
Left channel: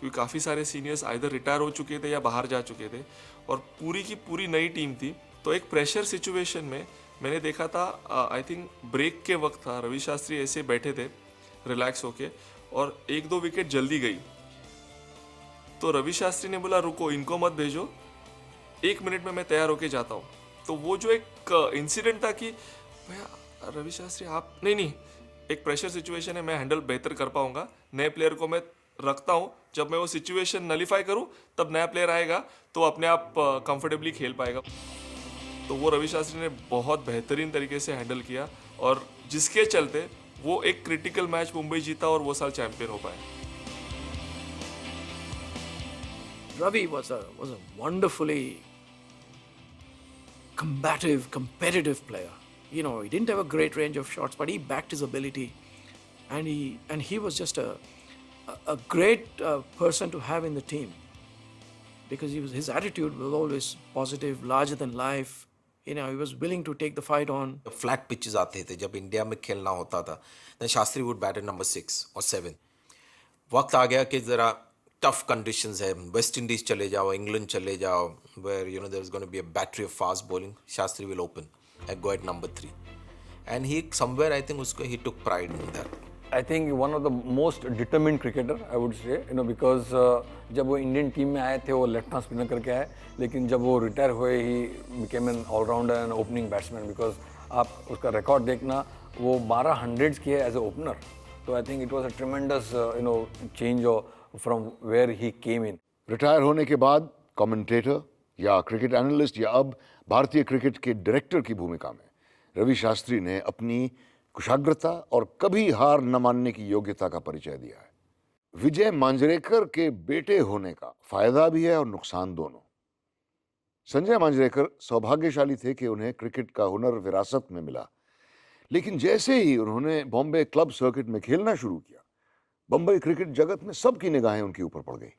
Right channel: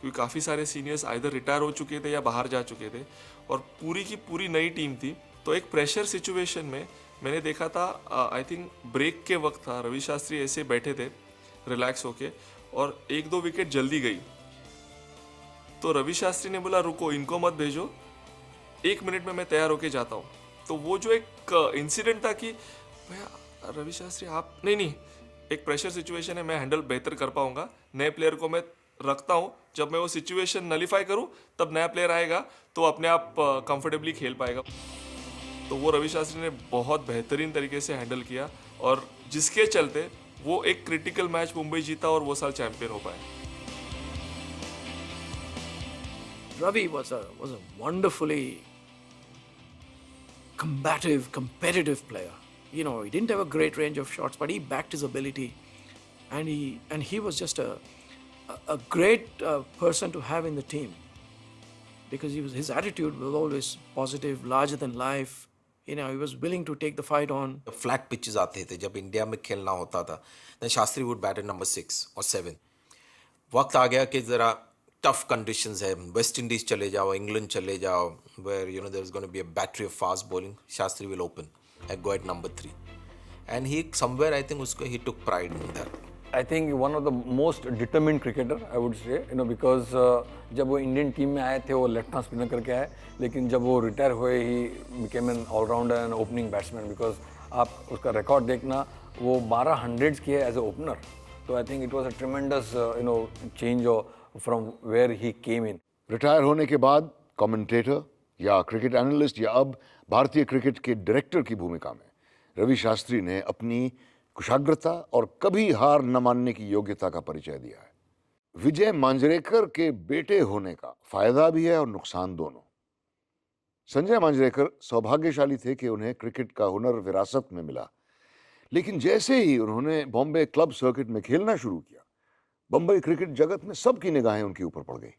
क्योंकि काफ़ी सारे सीनियर्स आइदर रिटायर हो चुके थे या बाहर जा चुके थे और पूरी की पूरी नई टीम थी। तो एक प्रेशर सिचुएशन में मैंने देखा था, आई थिंक ब्रेक के वक्त था, रवि शास्त्री ऐसे बैठे थे रिलैक्स होके और 1-2 विकेट जल्दी गई। तो रवि शास्त्री ने बोला रुको, इनको मत भेजो, 1 मिनट में मैं तैयार होके जाता हूँ। तो वो जो एक इंसिडेंट था कि भैया रवि शास्त्री आप नहीं, एक प्रेशर सिचुएशन है, मैं हैंडल बेहतर कर पाऊंगा, नए प्लेयर को मैं रखता हूँ, जब मैं वो सिचुएशन नलीफाई करूँ तब नया प्लेयर आएगा तो अपने आप कंफर्टेबली खेल पाएगा। तो वो रवि शास्त्री ने बहुत बेहतरीन तरीके से हैंडल किया और जिसके चलते वो एक क्रिटिकल मैच मुंबई जीता और वो साल चैंपियन हो पाया। Ravi was a wonderfully combative, competitive player. You know, he didn't have a great range of shots, but he backed his ability, and he was just a great person to have in the team because his attitude was always positive, larger than life. You know, he was willing to take the fight on. Flat pitches आते थे जब India में खेलना होता था, then Shastri would bat at number 6 or 7. वक्त आ गया कि जरा टफ कंडीशंस है, वेस्ट इंडीज चले जाओ, इंग्लैंड चले जाओ, where you know there is going to be a battery of fast bowling. Shastri will open and go at number 3, and he somewhere I think he took pride in that. I think one of the most determined cricketer, I would say, because जब वो Indian team में आए थे वो left hand spinner करके आए, लेकिन जब वो रिटायर हुए ही became an all-rounder and opening batsman because आप उसका रिकॉर्ड देखना वो 12 हंड्रेड्स किए as a opener. So I think it was a tremendous change from where he came in. Retire होने के बाद कमेंटेटर या क्रिकेट एनालिस्ट या अब भारतीय क्रिकेट के डायरेक्टर की भूमिका में रवि शास्त्री ने अपनी कुशाग्रता और कभी हार न मानने की योग्यता का परिचय दिया है. विजय मांजरेकर के बेटे होने का फायदा भी है और नुकसान दोनों. संजय मांजरेकर सौभाग्यशाली थे कि उन्हें क्रिकेट का हुनर विरासत में मिला, लेकिन जैसे ही उन्होंने बॉम्बे क्लब सर्किट में खेलना शुरू किया, बंबई क्रिकेट जगत में सबकी निगाहें उनके ऊपर पड़ गई.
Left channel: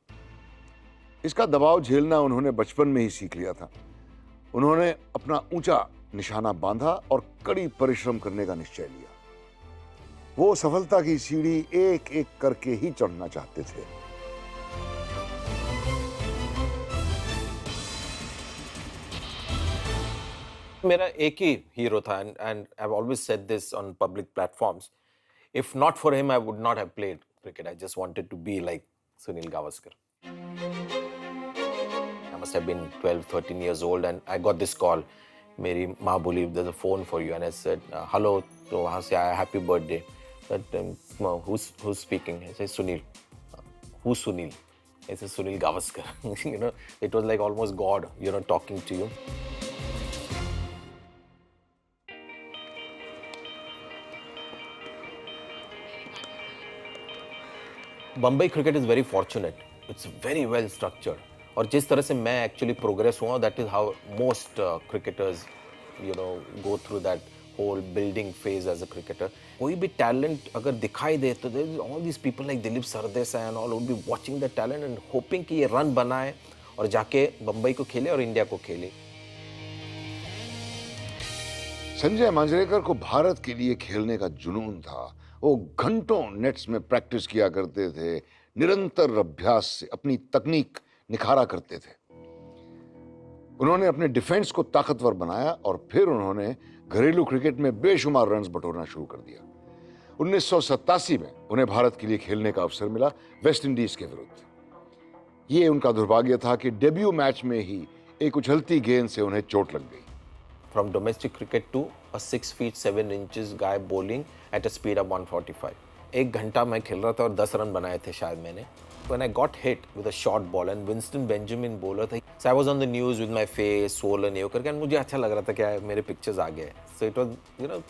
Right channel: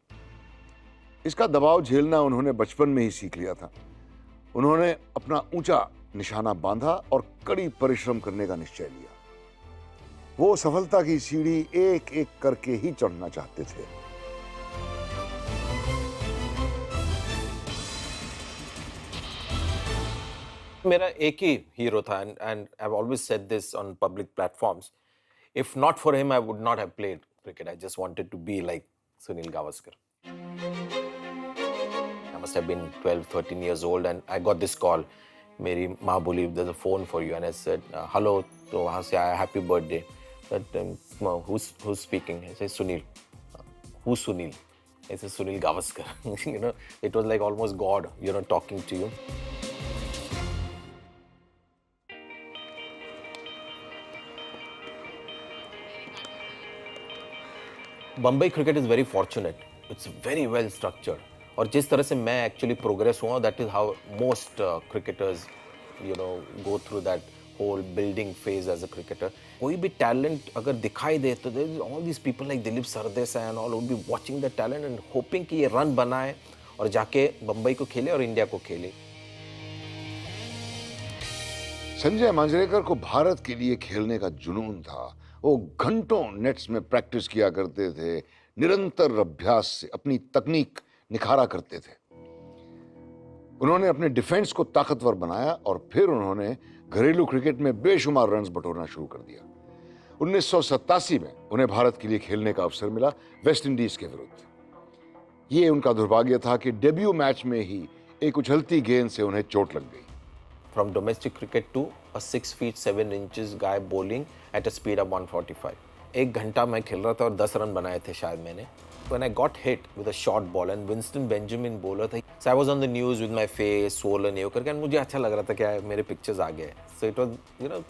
इसका दबाव झेलना उन्होंने बचपन में ही सीख लिया था. उन्होंने अपना ऊंचा निशाना बांधा और कड़ी परिश्रम करने का निश्चय लिया. वो सफलता की सीढ़ी एक एक करके ही चढ़ना चाहते थे. मेरा एक ही हीरो था and I have always said this on public platforms. If not for him I would not have played cricket. I just wanted to be like Sunil Gavaskar. I must have been 12, 13 years old and I got this call. मेरी माँ बोली there's a phone for you and I said hello. तो वहाँ से आया happy birthday. But who's speaking? I said Sunil. Who's Sunil? I said Sunil Gavaskar. It was like almost God, talking to you. Bombay cricket is very fortunate. It's very well structured. और जिस तरह से मैं actually progress हुआ, that is how most cricketers go through that whole building phase as a cricketer. कोई भी talent अगर दिखाई दे तो there all these people like Dilip Sardesai and all would be watching the talent and hoping कि ये run बनाए और जाके बम्बई को खेले और इंडिया को खेले. संजय मांजरेकर को भारत के लिए खेलने का जुनून था. वो घंटों नेट्स में प्रैक्टिस किया करते थे, निरंतर अभ्यास से अपनी तकनीक निखारा करते थे. उन्होंने अपने डिफेंस को ताकतवर बनाया और फिर उन्होंने घरेलू क्रिकेट में बेशुमार रन्स बटोरना शुरू कर दिया. 1987 में उन्हें भारत के लिए खेलने का अवसर मिला वेस्ट इंडीज के विरुद्ध. ये उनका दुर्भाग्य था कि डेब्यू मैच में ही एक उछलती गेंद से उन्हें चोट लग गई. From domestic cricket to a 6 feet 7 inches guy bowling at a speed of 145. एक घंटा मैं खेल रहा था और 10 रन बनाए थे शायद मैंने. When I got hit with a short ball and Winston Benjamin bowler था, so I was on the news with my face swollen ये करके मुझे अच्छा लग रहा था कि यार मेरे पिक्चर्स आ गए. So it was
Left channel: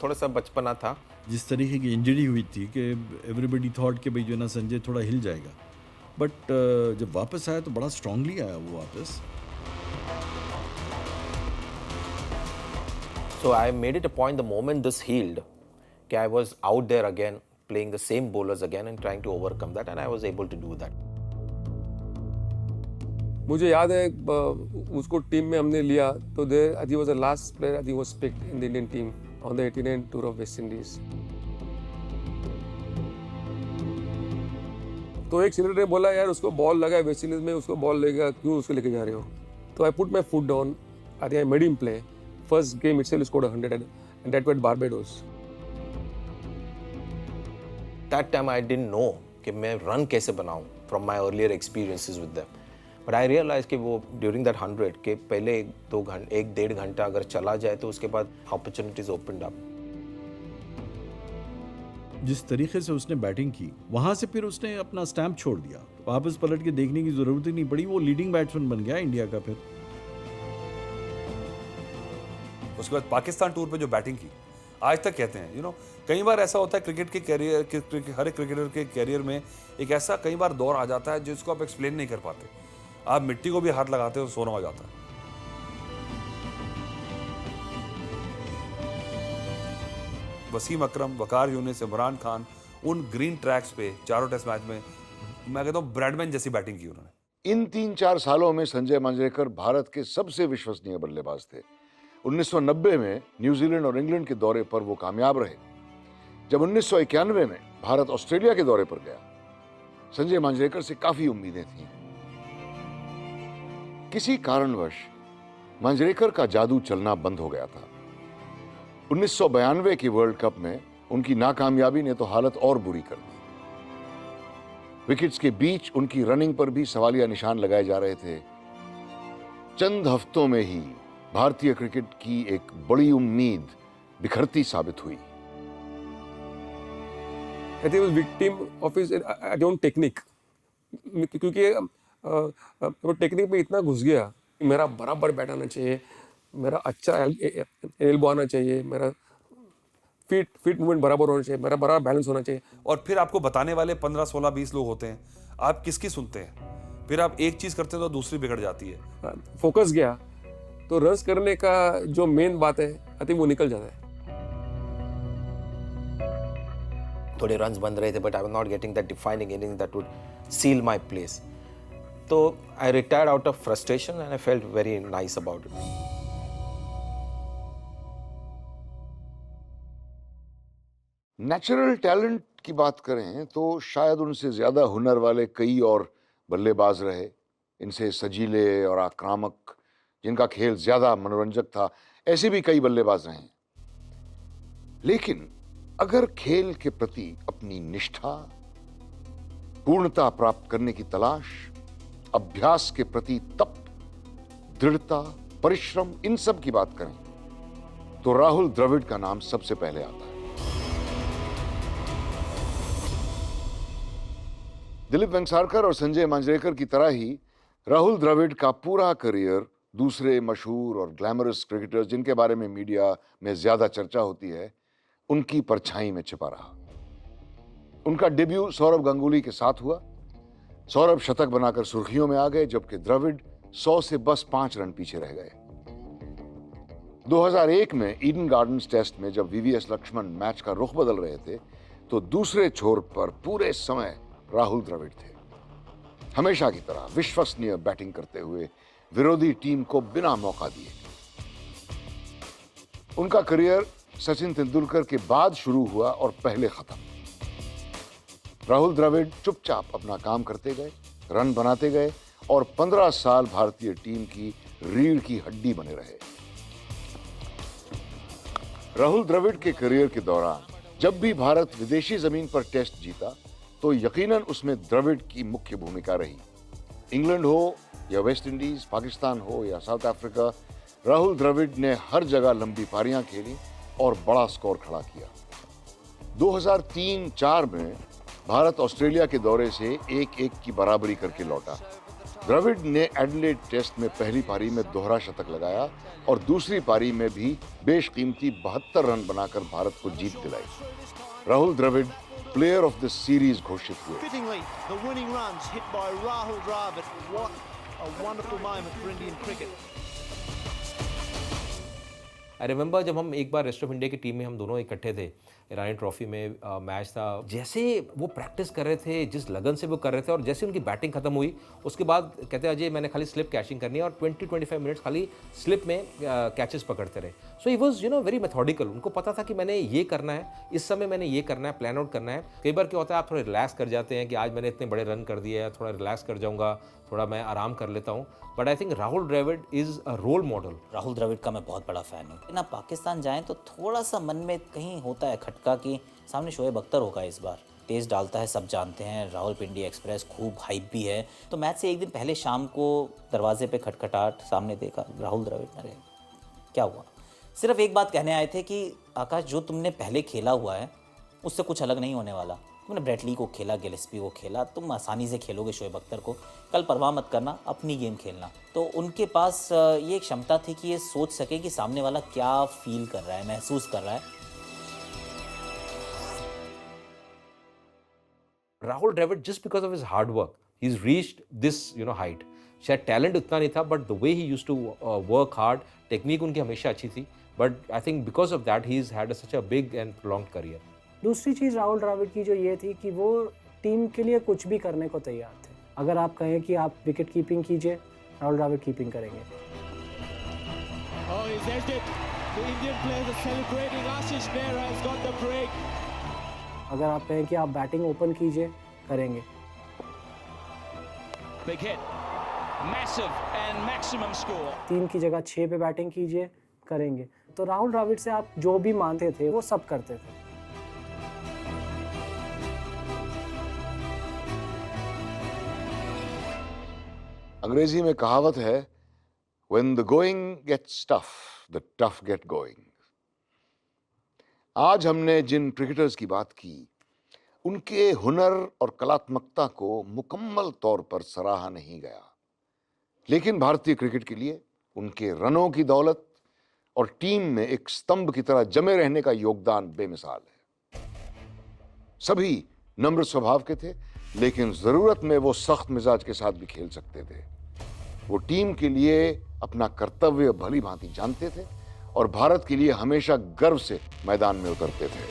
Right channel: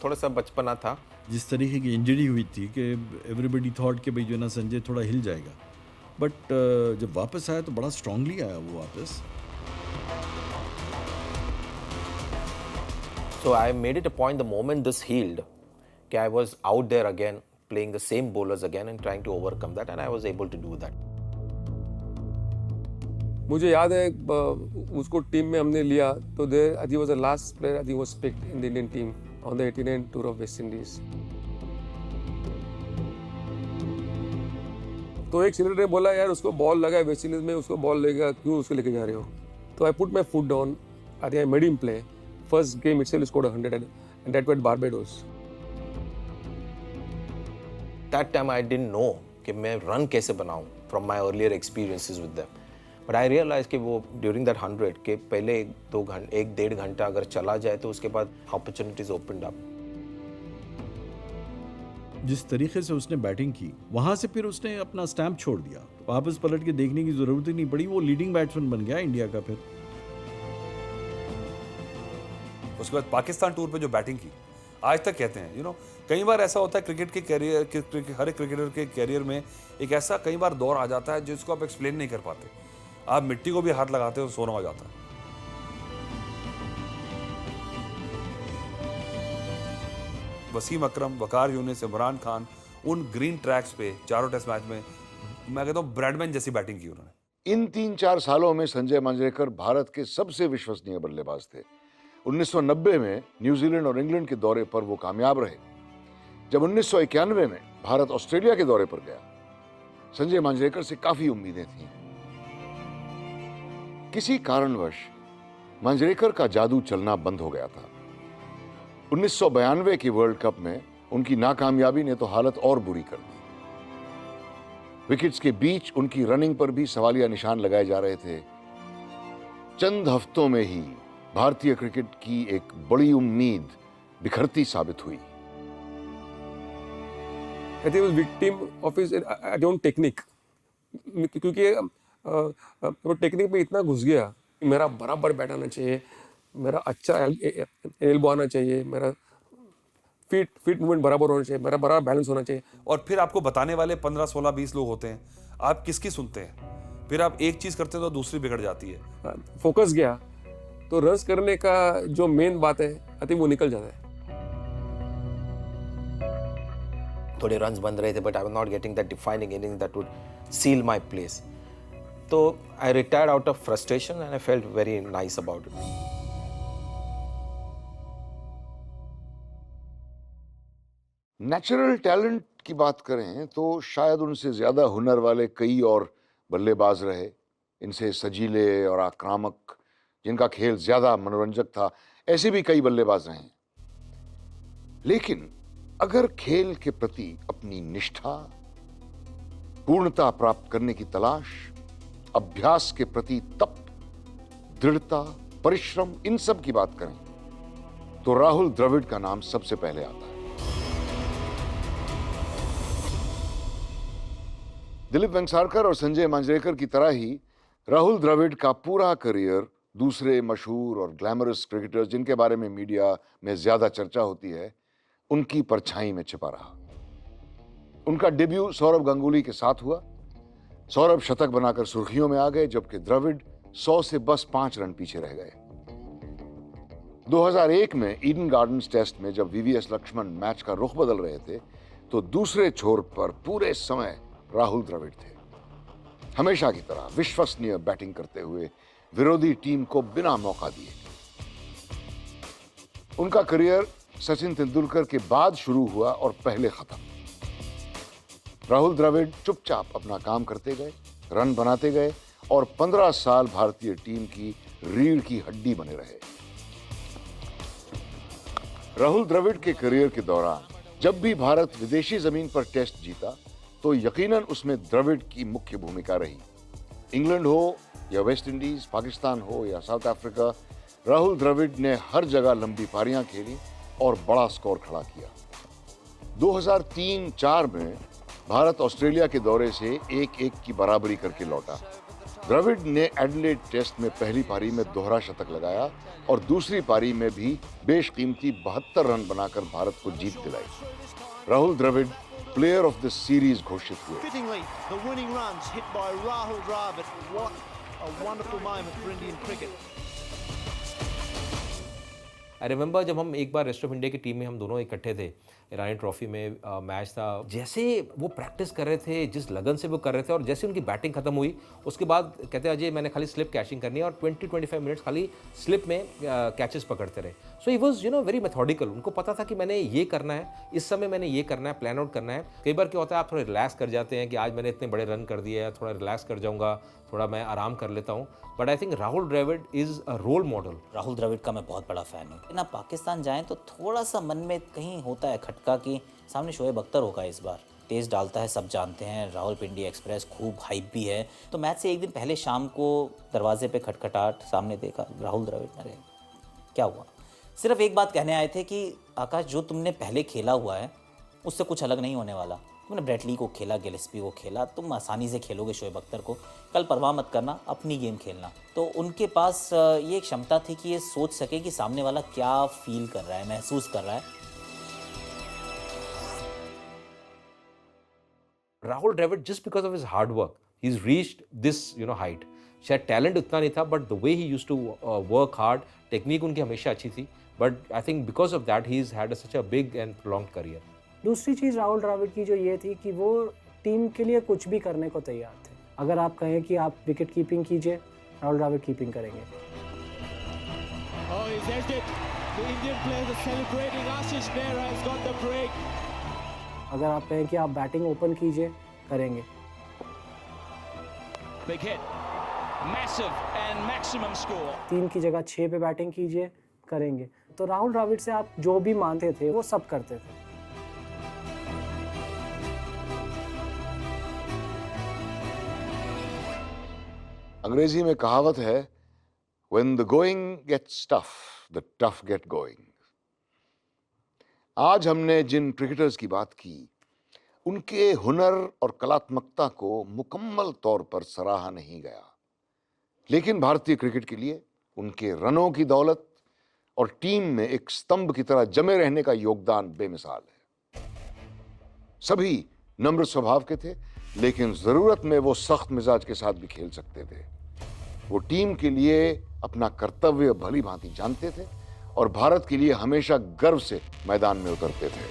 थोड़ा सा बचपना था. जिस तरीके की इंजरी हुई थी कि एवरीबडी थॉट कि भाई जो है ना संजय थोड़ा हिल जाएगा, बट जब वापस आया तो बड़ा स्ट्रांगली आया वो वापस. So I made it a point the moment this healed, कि I was out there again playing the same bowlers again and trying to overcome that and I was able to do that. मुझे याद है उसको team में हमने लिया तो he was the last player he was picked in the Indian team on the 89 tour of West Indies. तो एक सीनियर ने बोला यार उसको बॉल लगा है वेस्ट इंडीज में, उसको बॉल लेगा क्यों उसको लेके जा रहे हो. तो I put my foot down. I think I made him play. First game itself he scored 100 and that went Barbados. That time I didn't know कि मैं run कैसे बनाऊं from my earlier experiences with them. But I realized कि वो during that 100 के पहले 1-1.5 घंटा अगर चला जाए तो उसके बाद opportunities opened up. जिस तरीके से उसने बैटिंग की वहां से फिर उसने अपना स्टैम्प छोड़ दिया. वापस पलट के देखने की जरूरत ही नहीं पड़ी. वो लीडिंग बैट्समैन बन गया इंडिया का. फिर उसके बाद पाकिस्तान टूर पे जो बैटिंग की आज तक कहते हैं कई बार ऐसा होता है क्रिकेट के कैरियर हर एक क्रिकेटर के कैरियर में एक ऐसा कई बार दौर आ जाता है जिसको आप एक्सप्लेन नहीं कर पाते. आप मिट्टी को भी हाथ लगाते हो तो सोना हो जाता है. वसीम अकरम, वकार यूनिस, इमरान खान उन ग्रीन ट्रैक्स पे चारों टेस्ट मैच में मैं कहता हूँ ब्रैडमैन जैसी बैटिंग की उन्होंने. इन 3-4 सालों में संजय मांजरेकर भारत के सबसे विश्वसनीय बल्लेबाज थे. 1990 में न्यूजीलैंड और इंग्लैंड के दौरे पर वो कामयाब रहे. जब 1991 में भारत ऑस्ट्रेलिया के दौरे पर गया, संजय मांजरेकर से काफी उम्मीदें थीं. किसी कारणवश मांजरेकर का जादू चलना बंद हो गया था. 1992 की वर्ल्ड कप में उनकी नाकामयाबी ने तो हालत और बुरी कर दी। विकेट्स के बीच उनकी रनिंग पर भी सवालिया निशान लगाए जा रहे थे। चंद हफ्तों में ही भारतीय क्रिकेट की एक बड़ी उम्मीद बिखरती साबित हुई। I think he was victim of his own technique, क्योंकि वो टेक्निक में इतना घुस गया, मेरा बराबर बैट आना चाहिए, मेरा अच्छा एल्बो आना चाहिए, मेरा फीट मूवमेंट बराबर होना चाहिए, मेरा बराबर बैलेंस होना चाहिए। और फिर आपको बताने वाले 15, 16, 20 लोग होते हैं, आप किसकी सुनते हैं? फिर आप एक चीज करते हैं तो दूसरी बिगड़ जाती है। फोकस गया तो रन्स करने का जो मेन बात है, आई थिंक वो निकल जाता है। थोड़े रन्स बन रहे थे, but I was not getting that defining inning that would seal my place. तो I retired out of frustration and I felt very nice about it. Natural talent की बात करें तो शायद उनसे ज्यादा हुनर वाले कई और बल्लेबाज रहे, इनसे सजीले और आक्रामक, जिनका खेल ज्यादा मनोरंजक था, ऐसे भी कई बल्लेबाज रहे। लेकिन अगर खेल के प्रति अपनी निष्ठा, पूर्णता प्राप्त करने की तलाश, अभ्यास के प्रति तप, दृढ़ता, परिश्रम, इन सब की बात करें तो राहुल द्रविड़ का नाम सबसे पहले आता है। दिलीप वेंगसरकर और संजय मांजरेकर की तरह ही राहुल द्रविड़ का पूरा करियर दूसरे मशहूर और ग्लैमरस क्रिकेटर्स जिनके बारे में मीडिया में ज्यादा चर्चा होती है, उनकी परछाई में छिपा रहा। उनका डेब्यू सौरव गांगुली के साथ हुआ। सौरभ शतक बनाकर सुर्खियों में आ गए, जबकि द्रविड़ 100 से बस 5 रन पीछे रह गए। 2001 में ईडन गार्डन्स टेस्ट में जब वीवीएस लक्ष्मण मैच का रुख बदल रहे थे, तो दूसरे छोर पर पूरे समय राहुल द्रविड़ थे, हमेशा की तरह विश्वसनीय बैटिंग करते हुए विरोधी टीम को बिना मौका दिए। उनका करियर सचिन तेंदुलकर के बाद शुरू हुआ और पहले खत्म। राहुल द्रविड़ चुपचाप अपना काम करते गए, रन बनाते गए और 15 साल भारतीय टीम की रीढ़ की हड्डी बने रहे। राहुल द्रविड़ के करियर के दौरान जब भी भारत विदेशी जमीन पर टेस्ट जीता, तो यकीनन उसमें द्रविड़ की मुख्य भूमिका रही। इंग्लैंड हो या वेस्ट इंडीज, पाकिस्तान हो या साउथ अफ्रीका, राहुल द्रविड़ ने हर जगह लंबी पारियां खेली और बड़ा स्कोर खड़ा किया। 2003-04 में भारत ऑस्ट्रेलिया के दौरे से 1-1 की बराबरी करके लौटा। द्रविड़ ने एडिलेड टेस्ट में पहली पारी में दोहरा शतक लगाया और दूसरी पारी में भी बेशकीमती 72 रन बनाकर भारत को जीत दिलाई। Rahul Dravid player of the series घोषित हुए। Fittingly, the winning runs hit by Rahul Dravid. What a wonderful moment for Indian cricket. I remember जब हम एक बार रेस्ट ऑफ इंडिया की टीम में हम दोनों इकट्ठे थे, ईरानी ट्रॉफी में मैच था। जैसे वो प्रैक्टिस कर रहे थे, जिस लगन से वो कर रहे थे, और जैसे उनकी बैटिंग खत्म हुई, उसके बाद कहते हैं अजय मैंने खाली स्लिप कैचिंग करनी है, और 20-25 मिनट्स खाली स्लिप में कैचेस पकड़ते रहे। सो ही वाज वेरी मेथोडिकल। उनको पता था कि मैंने ये करना है, इस समय मैंने ये करना है, प्लान आउट करना है। कई बार क्या होता है, आप थोड़ा रिलैक्स कर जाते हैं कि आज मैंने इतने बड़े रन कर दिए हैं, थोड़ा रिलैक्स कर जाऊंगा, थोड़ा मैं आराम कर लेता हूँ। But I think Rahul Dravid is a role model. Rahul Dravid का मैं बहुत बड़ा फैन हूँ। ना पाकिस्तान जाएं तो थोड़ा सा मन में कहीं होता है खटका कि सामने शोएब अख्तर होगा इस बार, तेज डालता है, सब जानते हैं, रावलपिंडी एक्सप्रेस खूब हाइप भी है। तो मैच से एक दिन पहले शाम को दरवाजे पे खटखटाहट, सामने देखा राहुल द्रविड़। अरे क्या हुआ? सिर्फ एक बात कहने आए थे कि आकाश जो तुमने पहले खेला हुआ है उससे कुछ अलग नहीं होने वाला। तुमने ब्रेटली को खेला, गिलेस्पी को खेला, तुम आसानी से खेलोगे शोएब अख्तर को, कल परवाह मत करना, अपनी गेम खेलना। तो उनके पास ये एक क्षमता थी कि ये सोच सके कि सामने वाला क्या फील कर रहा है, महसूस कर रहा है। Rahul Dravid just because of his hard work he is reached this height. शायद टैलेंट उतना नहीं था, but the way he used to work hard, technique उनकी हमेशा अच्छी थी, but I think because of that he has had such a big and prolonged career. दूसरी चीज राहुल द्रविड़ की जो ये थी कि वो टीम के लिए कुछ भी करने को तैयार थे। अगर आप कहें कि आप विकेट कीपिंग कीजिए, राहुल द्रविड़ कीपिंग करेंगे। अगर आप कहें कि आप बैटिंग ओपन कीजिए, करेंगे। Big hit. Massive and maximum score. 3 की जगह 6 पे बैटिंग कीजिए, करेंगे। तो राहुल द्रविड़ से आप जो भी मानते थे वो सब करते थे। अंग्रेजी में कहावत है, when the going gets tough, the tough get going. आज हमने जिन क्रिकेटर्स की बात की, उनके हुनर और कलात्मकता को मुकम्मल तौर पर सराहा नहीं गया, लेकिन भारतीय क्रिकेट के लिए उनके रनों की दौलत और टीम में एक स्तंभ की तरह जमे रहने का योगदान बेमिसाल है। सभी नम्र स्वभाव के थे, लेकिन जरूरत में वो सख्त मिजाज के साथ भी खेल सकते थे। वो टीम के लिए अपना कर्तव्य भली भांति जानते थे और भारत के लिए हमेशा गर्व से मैदान में उतरते थे।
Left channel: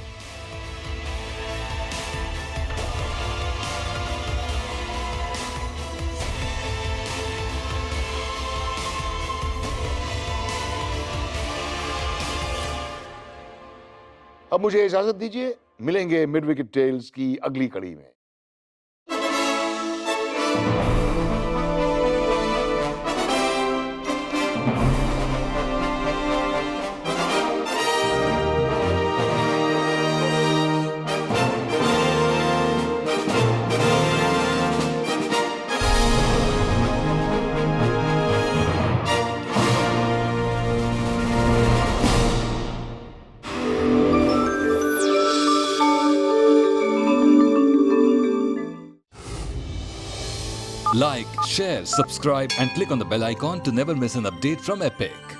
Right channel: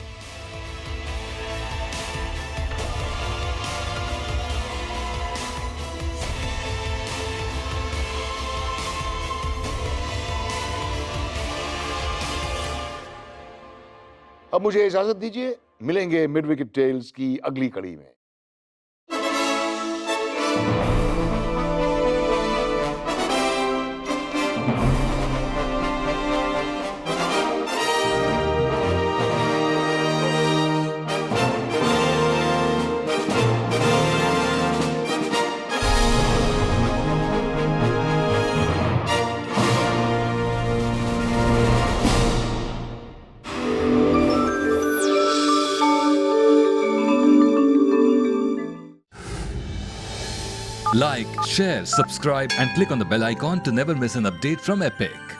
अब मुझे इजाजत दीजिए, मिलेंगे मिड विकेट टेल्स की अगली कड़ी में। Like, share, subscribe and click on the bell icon to never miss an update from Epic.